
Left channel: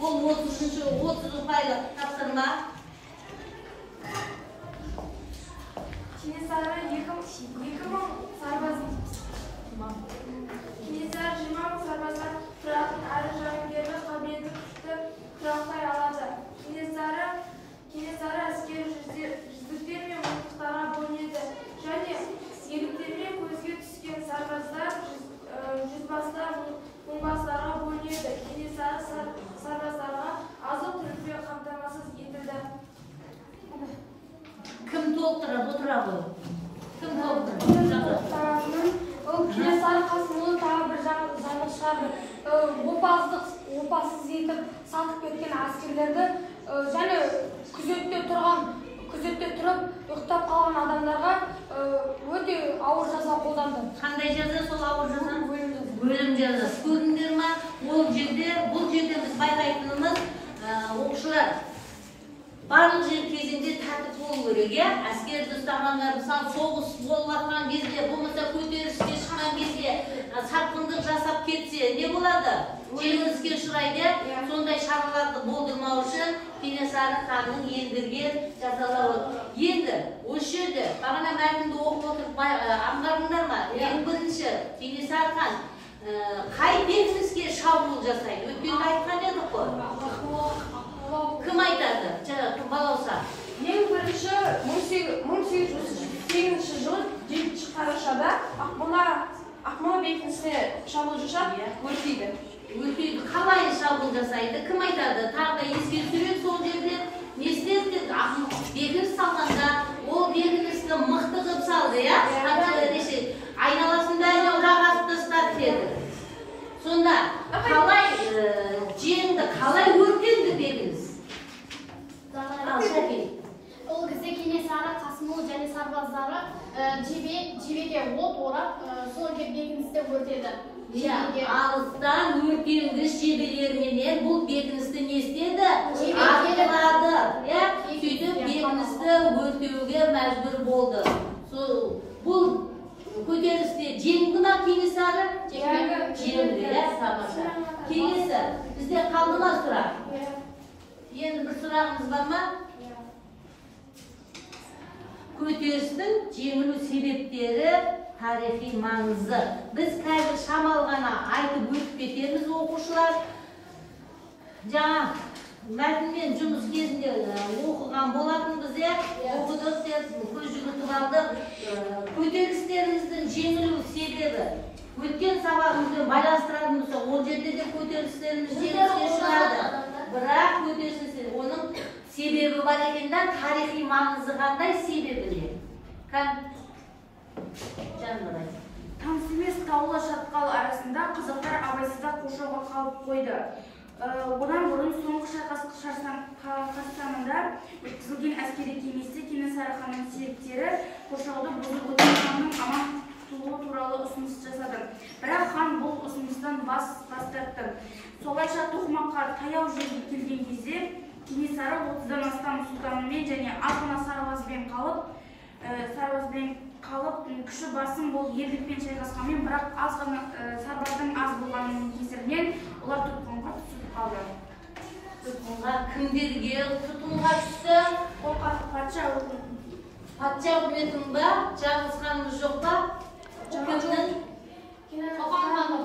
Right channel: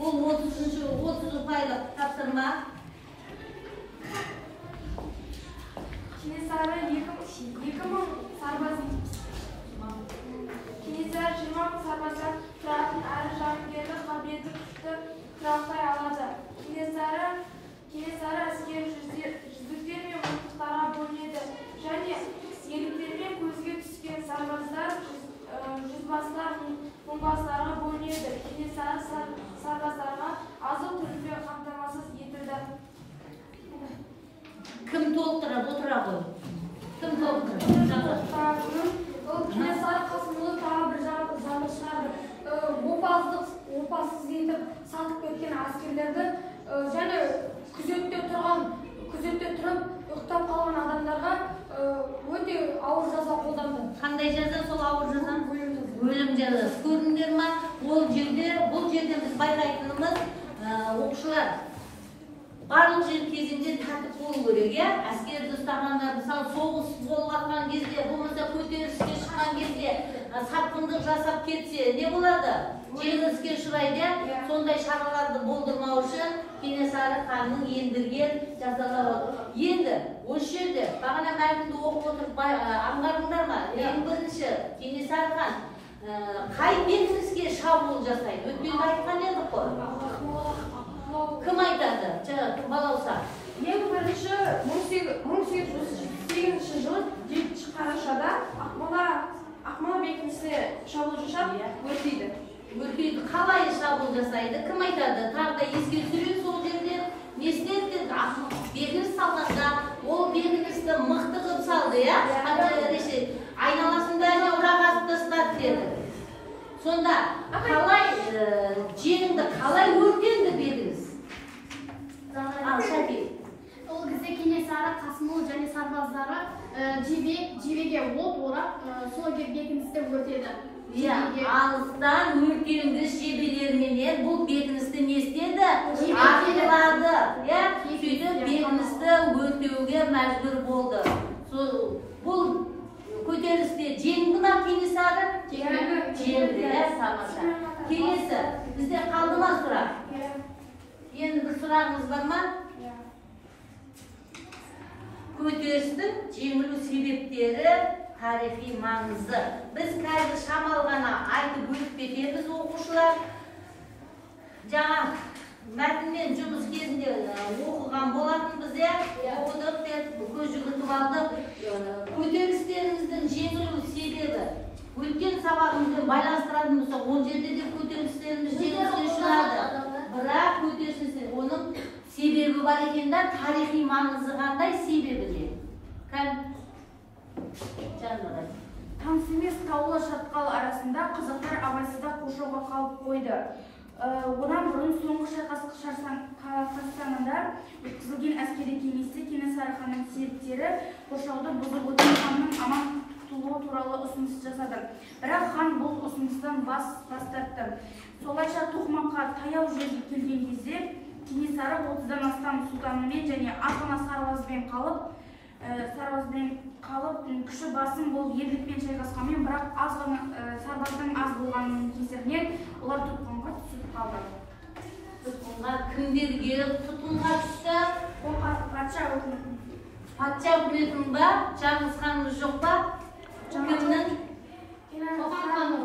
Бұл 30 ұпайлы тапсырма. Кенесары 2000 сарбаз Кенесары 20 000 сарбаздан тұратын әрі жауынгерлік қабілеті күшті тұрақтай алады. Кенесары әскери жүздіктер мен мылтықтарға бөлінеді және ерліктермен көзге түскен сарбаздар жүзбастар мыңбастарға бөлінеді. Кенесары сарбаздарға азық-түлікпен қамтамасыз етілді. Кім толықтырып отырады? Кім толықтырады? Кенесары Қасымұлы тағы бір жаңалық шығарды. Опасыз етіп сатып кеткен әскерлерді және күзетте тұрып ұйықтап қалған адамдарға өте ауыр жаза қолданды. Қандай жаза? Сол ауыр жаза? Өлім жазасы. Көрдіңдер ма? Бұл жерде біз байқайтынымыз оқушылар барлық жер кезінде тәртіп болу керек, әскерді ұстағандар, мысалы соғыс болып жатқан кезде, болмаса көтеріліске шыққан кезде сатқындық жасап кетсе, не болады? Жеңіліске ұшырайды. Сондай шараларды болдырмау үшін Кенесары ханның ендірген жазалауы. Енді осы жерде бағана мәтінді оқып отырып аңғардыңдар ма? Ең бірінші Кенесары хан қай бекініске шабуыл жасайды? Өткенде айтқан едік қой. Кім айтады? Кім балауса? Ең бірінші 1808 жылы 7 қарашада Ақмола бекінісіне шабуыл жасап өртейді. Қалай шабуыл жасайды? Кім айтады? Тағы да еске түсірейік, сол жерде не істеді? Бекініс салғанда ол бекіністі мықты қылып салды, айналасында жағасын тастап деді. Сонда қалай жеңді, қалай өртенді бекініс? Ол кезде Кенесары Қасымұлы және сарбаздары жебеге от орап, сол бекіністі өртеді. Алыстан өртенгіш жебелерменен бұл бекіністі не істеді? Атылады. Сөйтіп бекіністі өртеуге мәжбүр болды. Бұл көтерілісте жеңді ма Кенесары? Жеңді. Келесі, бізде қалды ма сұрақ? Endi bir so'rag'ingiz bormi? Көтерілістің жеңілу себептері, тарихи маңызы. Біз қазір шамал ғана айтып өтіп кетеміз оқушылар. Жаңа мәтінмен жұмыс кезінде оқыған болатынбыз, оқыдық деп көз жүгіртіп алдық. Көтерілістеріміздің жеңілу себебі өткен сабағымызбен байланыстыратын болсақ, ол жерде де көтерілістеріміз жеңіліске ұшырады. Бірақ көтерілістер оның себебі бар екен да, тарихи маңызы қандай себебі не? Таныс емес таулы шатқал арасында қазақтар абайсызда қоршауға қалып қойды. Одан бұрын соңғы шайқас қарсаңында өткізілген әскери кеңесте Кенесары ханның серіктері қоршауды бұзып өткен ханның аман құтылуы туралы ұсыныс жасады. Бірақ хан бұл ұсыныстан бас тартты. Солайша Тоқмаққа таяу жерге келген кезде Кенесары 30-дан астам сұлтанымен және аз ғана сарбазбен қалып, күші басым бұл ерлікпен шайқасқанмен, бірақ аз ғана сарбаздың аз болғанының кесірінен олар тұтқынға түсіп қалды. Тұтқынға кімдерге тұтқынға түсті? Патша үкіметінің ба? Жаңғыз жоқ па?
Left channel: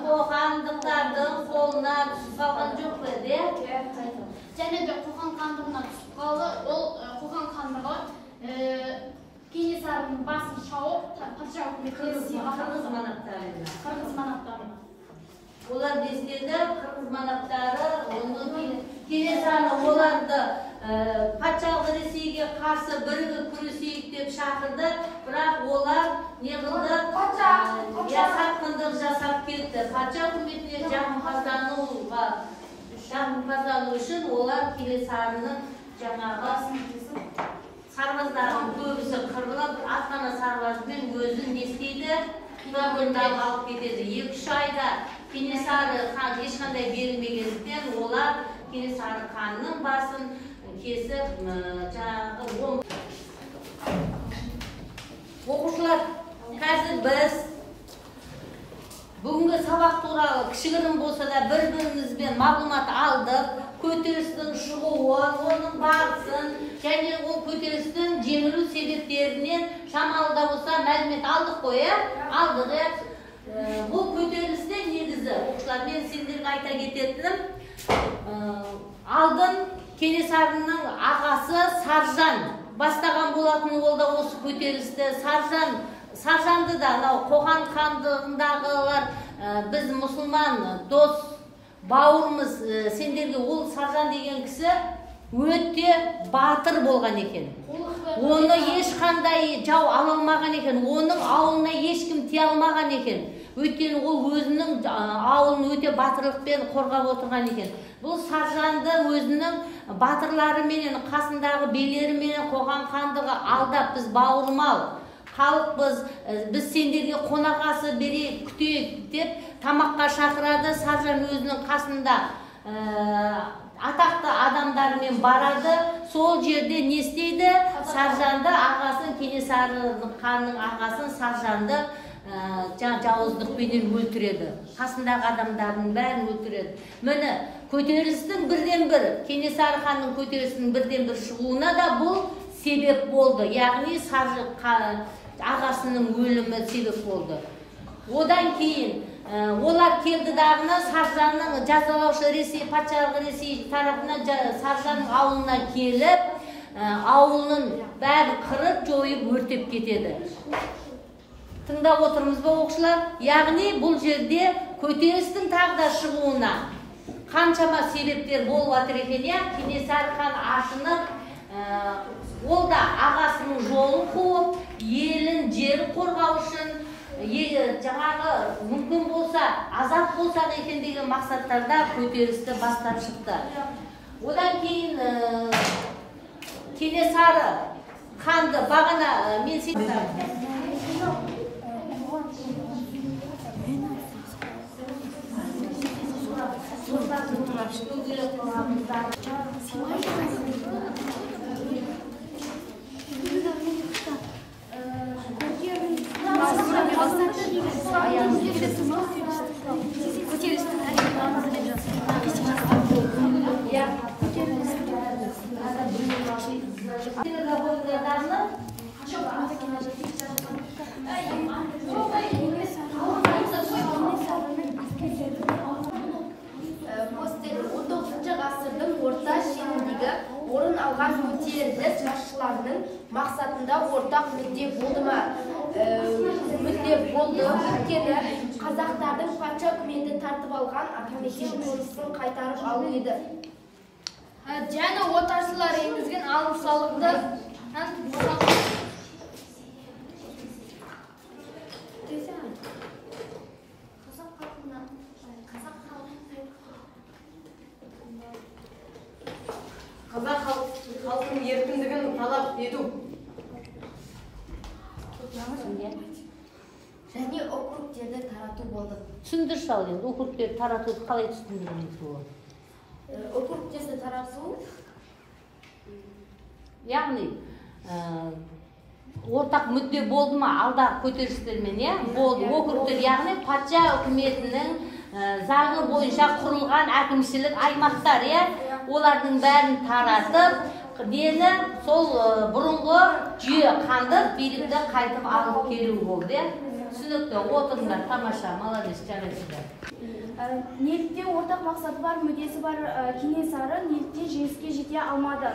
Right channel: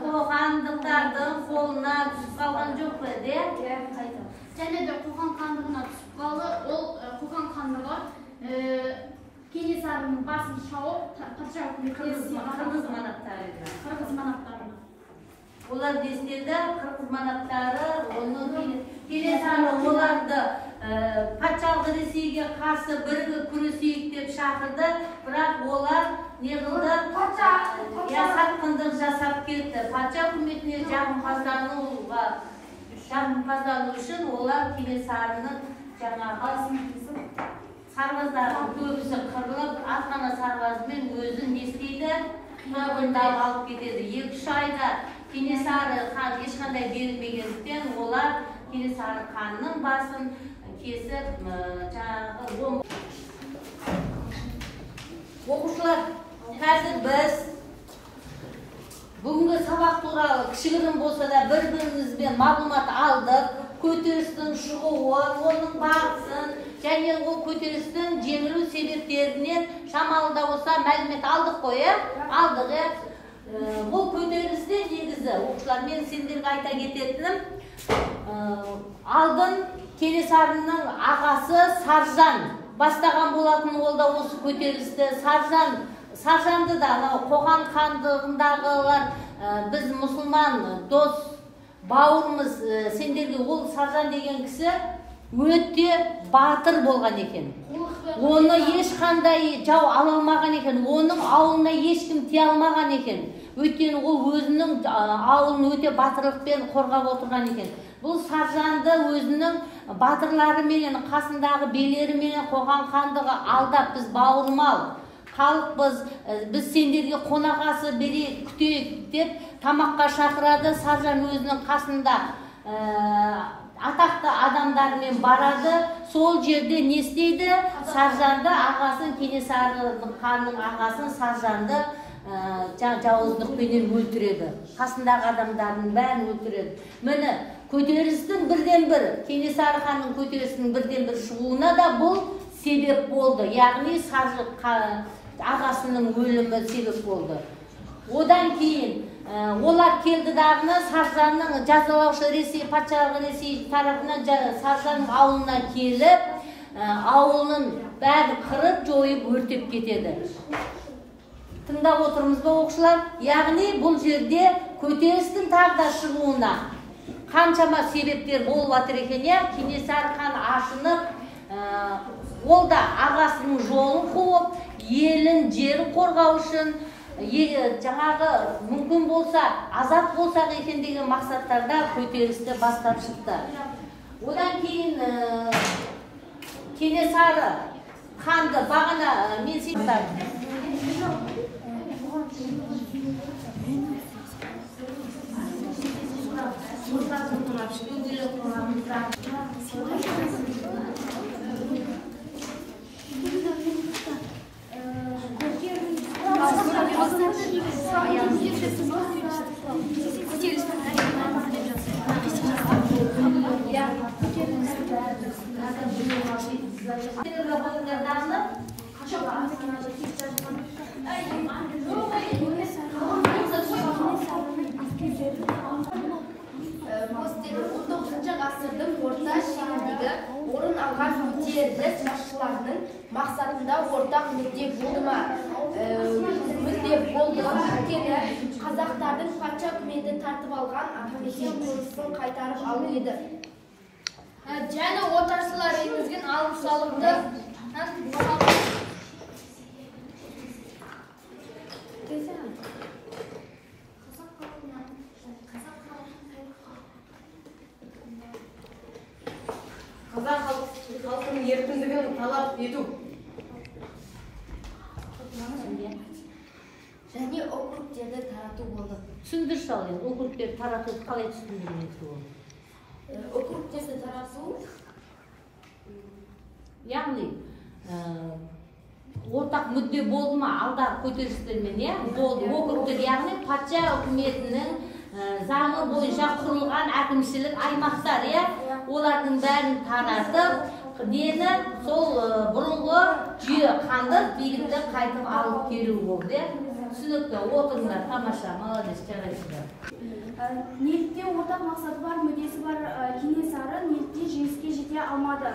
Қоқандықтардың қолына түсіп қалған жоқ па? Және де Қоқан хандығына түсіп қалды. Ол Қоқан хандығы Кенесарының басын шауып, патша үкіметіне Қырғыз манақтары. Қырғыз манақтары. Олар дестеді, қырғыз манақтары, Кенесары оларды патшалық Ресейге қарсы бірігіп күресейік деп шақырды, бірақ олар не қылды? Сатқындық жасап кетті. Патша үкіметіне жағымпаздану үшін олар Кенесарының жаңағы сарбаздардың көбісі қырылып, атқана сарбазбен өзін не істейді? Қинабөлдеп алып кетеді. 2-3 айда Кенесары хан ешқандай берілмегендіктен олар Кенесары ханның басын кесіп, жаңағы оқушылар, қазір біз бүгінгі сабақ туралы кішігірім болса да бір-бірімізбен мағлұмат алдық. Көтерілістің шығуы, оның барысын, және бұл көтерілістің жеңілу себептерінен шамалы да болса мәлімет алдық қой, алдық. Бұл көтерілісте негізі, оқушылар, мен сендерге айта кететінім, алдын Кенесарының ағасы Саржан бастаған болатын, ол да осы көтерілісті. Саржанды да Қоқан хандығындағылар, біз мұсылман дос бауырымыз, сендерге ол Саржан деген кісі өте батыр болған екен. Оны ешқандай жау ала алмаған екен, оның ауылына ешкім тие алмаған екен. Өйткені ол өзінің ауылын өте батырлықпен қорғап отырған екен. Бұл Саржанды өзінің батырларыменен, қасындағы белеріменен Қоқан хандығы алдап, біз бауырмал халықпыз, біз сендерге қонақасы берейік, күтейік деп тамаққа шақырады. Саржан өзінің қасында атақты адамдармен барады. Сол жерде не істейді? Саржанды, ағасын, Кенесары ханның ағасын Саржанды жауыздықпенен өлтіреді. Қасындағы адамдардың бәрін өлтіреді. Міне, көтерілістің бірден-бір, Кенесары ханның көтерілістің бірден-бір шығуына да бұл себеп болды. Яғни ағасының өлімі себеп болды. Одан кейін олар келді дағына Саржанның жазалаушы Ресей, патшалық Ресей тарапынан Саржанның ауылына келіп, ауылының бәрін қырып, жойып, өртеп кетеді. Тыңдап отырмыз ба, оқушылар? Яғни бұл жерде көтерілістің тағы да шығуына қаншама себептер болып жатыр екен. Кенесары хан ашынып, ол да ағасының жолын қуып, елін, жерін қорғау үшін, жаңағы мүмкін болса, азап болсақ екен деген мақсаттарда көтерілісті бастап шықты. Одан кейін Кенесары ханды бағана мен аталған көтеріліс басшыларының мақсатында ортақ мүдде болды ма? Мүдде болды, өйткені қазақтардың патша үкіметі тартып алған атамекен қонысын қайтарып алу еді. Және отаршылар енгізген алым-салықты қазақ халқының еркіндігін талап ету. Және округтерді тарату болды. Түсіндірші ал, округтерді таратуды қалай түсіндіріңіз ол? Округтерді тарату, Яғни, ортақ мүдде болды ма алдағы көтерілістермен, болды. Округтер, яғни патша үкіметінің заңы бойынша құрылған әкімшілік аймақтар, олардың бәрін таратып, дені сол бұрынғы жүйе қандып, билікті қайтып алып келу болды. Түсінікті, отырыңдар, тамаша, молодец, жарайсыздар. неліктен ортақ мақсаты бар, мүддесі бар Кенесары неліктен жеңіске жете алмады?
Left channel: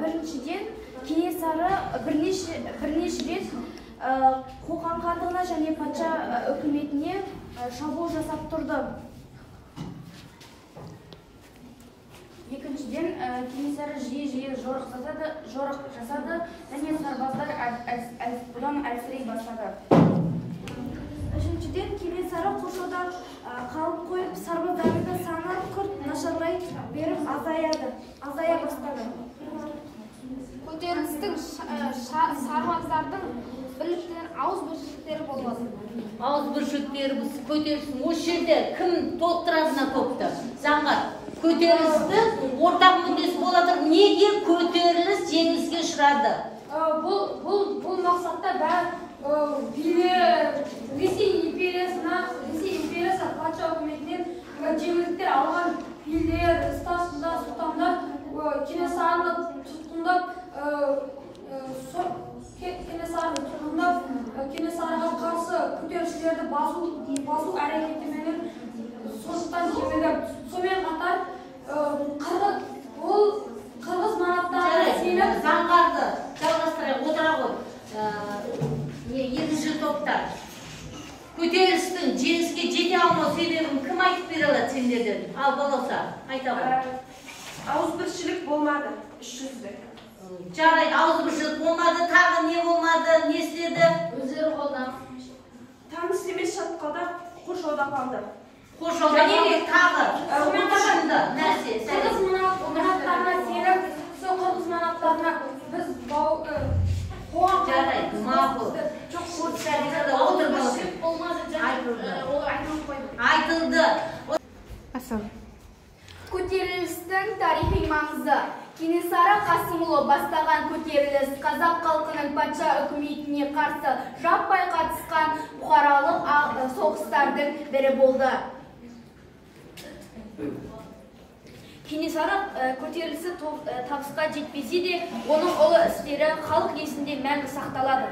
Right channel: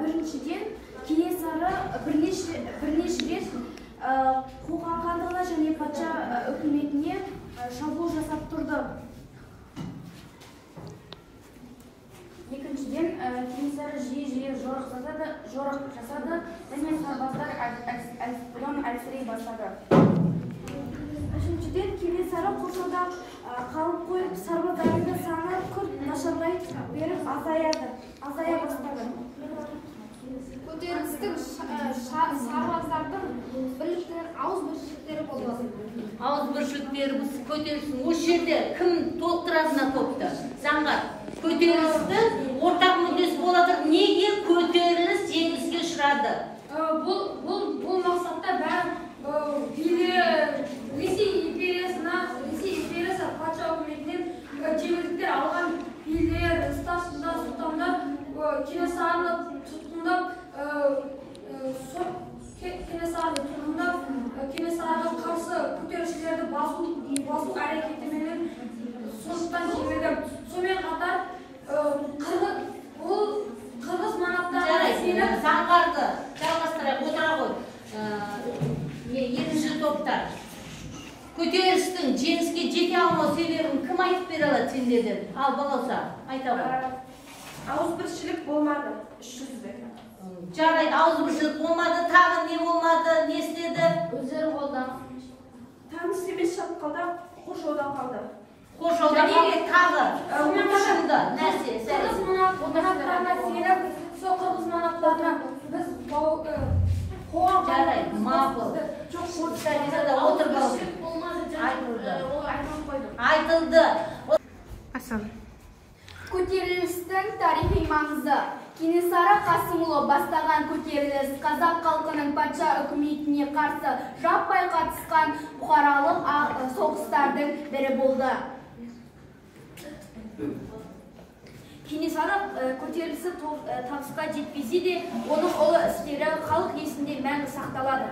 Біріншіден, Кенесары бірнеше рет Қоқан хандығына және патша үкіметіне шабуыл жасап тұрды. Екіншіден, Кенесары жиі жорық жасады және сарбаздар бұдан әлсірей бастады. Үшіншіден, Кенесары қоршауда қалып қойып, сарбаздарының саны күрт нашарлай беріп азая бастады. көтерілістің сарбаздардың бірліктің ауызбіршіліктері болды. Ауызбіршіліктері көтерілістің осы жерде кім толықтыратына көпті? Заңға көтерілісті ортақ мүддесі болады. Неге көтеріліс жеңіліске ұшырады? Бұл мақсатта Ресей империясы патша үкіметінен жеңілдіктер алған билер, сұлтандар Кенесарыны тұтқындап, Кенесарыға қарсы көтерілісшілерді басу әрекетіменен соғыстан жеңілді. Сонымен қатар қырғыз манаптарын сеніп заңғарды жалғастырайық, отыра ғой. Екінші топтар. Көтерілістің жеңіске жете алмау себебін кім айтып бере алады сендерден? Ал болса, айта ғой. Ауызбіршілік болмады, 300-де. Жарайды, ауызбіршілік болмады, тағы не болмады, не істеді? өздері қолдан. Таныс емес шатқалда қоршауда қалды. Қоршауда тағы ұтышынды нәрсе. Қырғыз манаптарына сеніп, сол қырғыз манаптарына біз қоған Жарайды, мақұл. Айтылды. Көтерілістің тарихи маңызы. Кенесары Қасымұлы бастаған көтеріліс қазақ халқының патша үкіметіне қарсы жаппай қатысқан бұқаралық соғыстардың бірі болды. Кенесары көтерілісі табысқа жетпесе де, оның ұлы істері халық есінде мәңгі сақталады.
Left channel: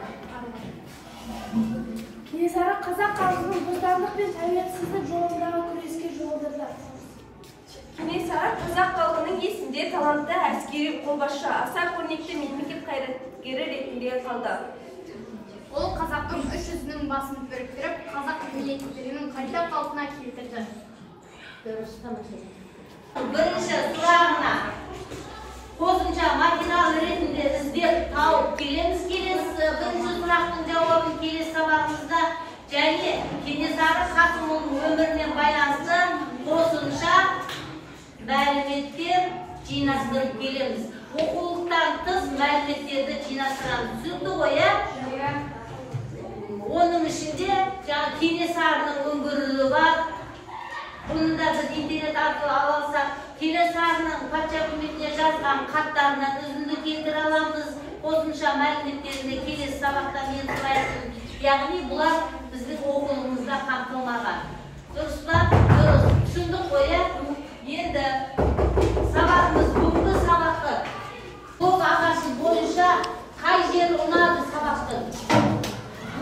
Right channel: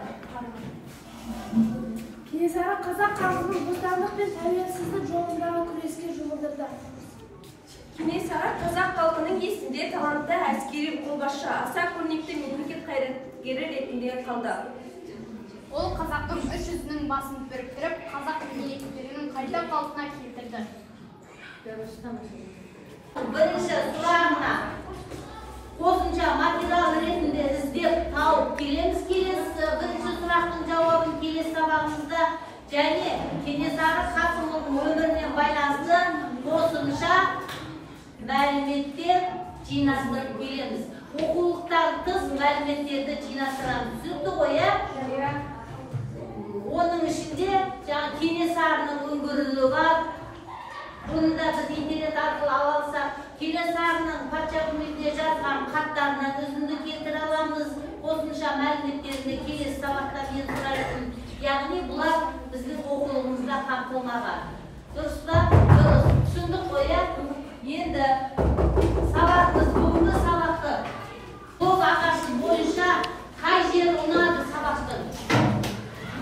Кенесары қазақ халқының бостандық пен тәуелсіздік жолындағы күреске жұмылдырды. Кенесары қазақ халқының есінде талантты әскери қолбасшы, аса көрнекті мемлекет қайраткері ретінде қалды. Ол қазақтың 300-нің басын біріктіріп, қазақ мемлекеттілігінің қайта қалпына келтірді. Бірінші сұрағына қосымша материал ретінде іздеп тауып келеміз. Бірінші сұрақтың жауабын келесі сабағымызда және Кенесары Қасымұлының өміріне байланысты қосымша мәліметтер жинастырып келеміз. Оқулықтан тыс мәліметтерді жинастырамыз. Түсінікті ғой, оның ішінде Кенесарының үңгірлігі бар. Бұны да біз интернет арқылы ала алсақ, Кенесарының патша үкіметіне жазған хаттарынан үзінді келтіре аламыз. Қосымша мәліметтеріне келесі сабақта мен сұрайсың. Яғни бұлар біздің оқулығымызда қамтылмаған. Дұрыс па? Дұрыс. Түсіндік қой, енді сабағымыз бүгінгі сабақты Қол ағашы бойынша қай жері ұнады сабақтың?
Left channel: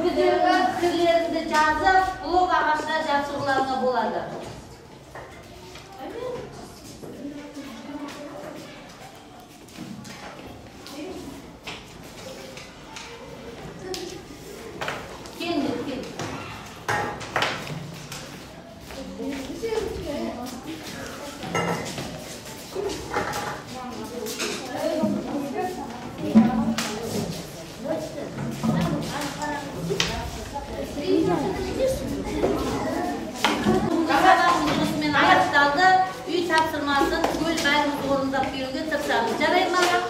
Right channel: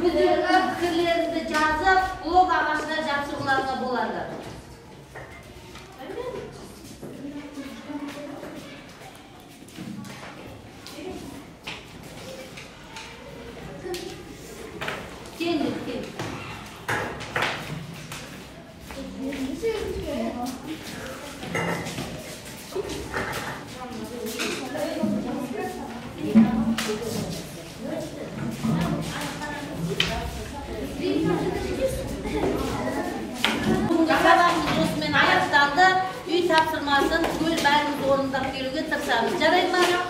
Өздерінің пікірлеріңді жазып, блог ағашына жапсыруға болады. баштап келуге тырысамыз. Жарайбы ма?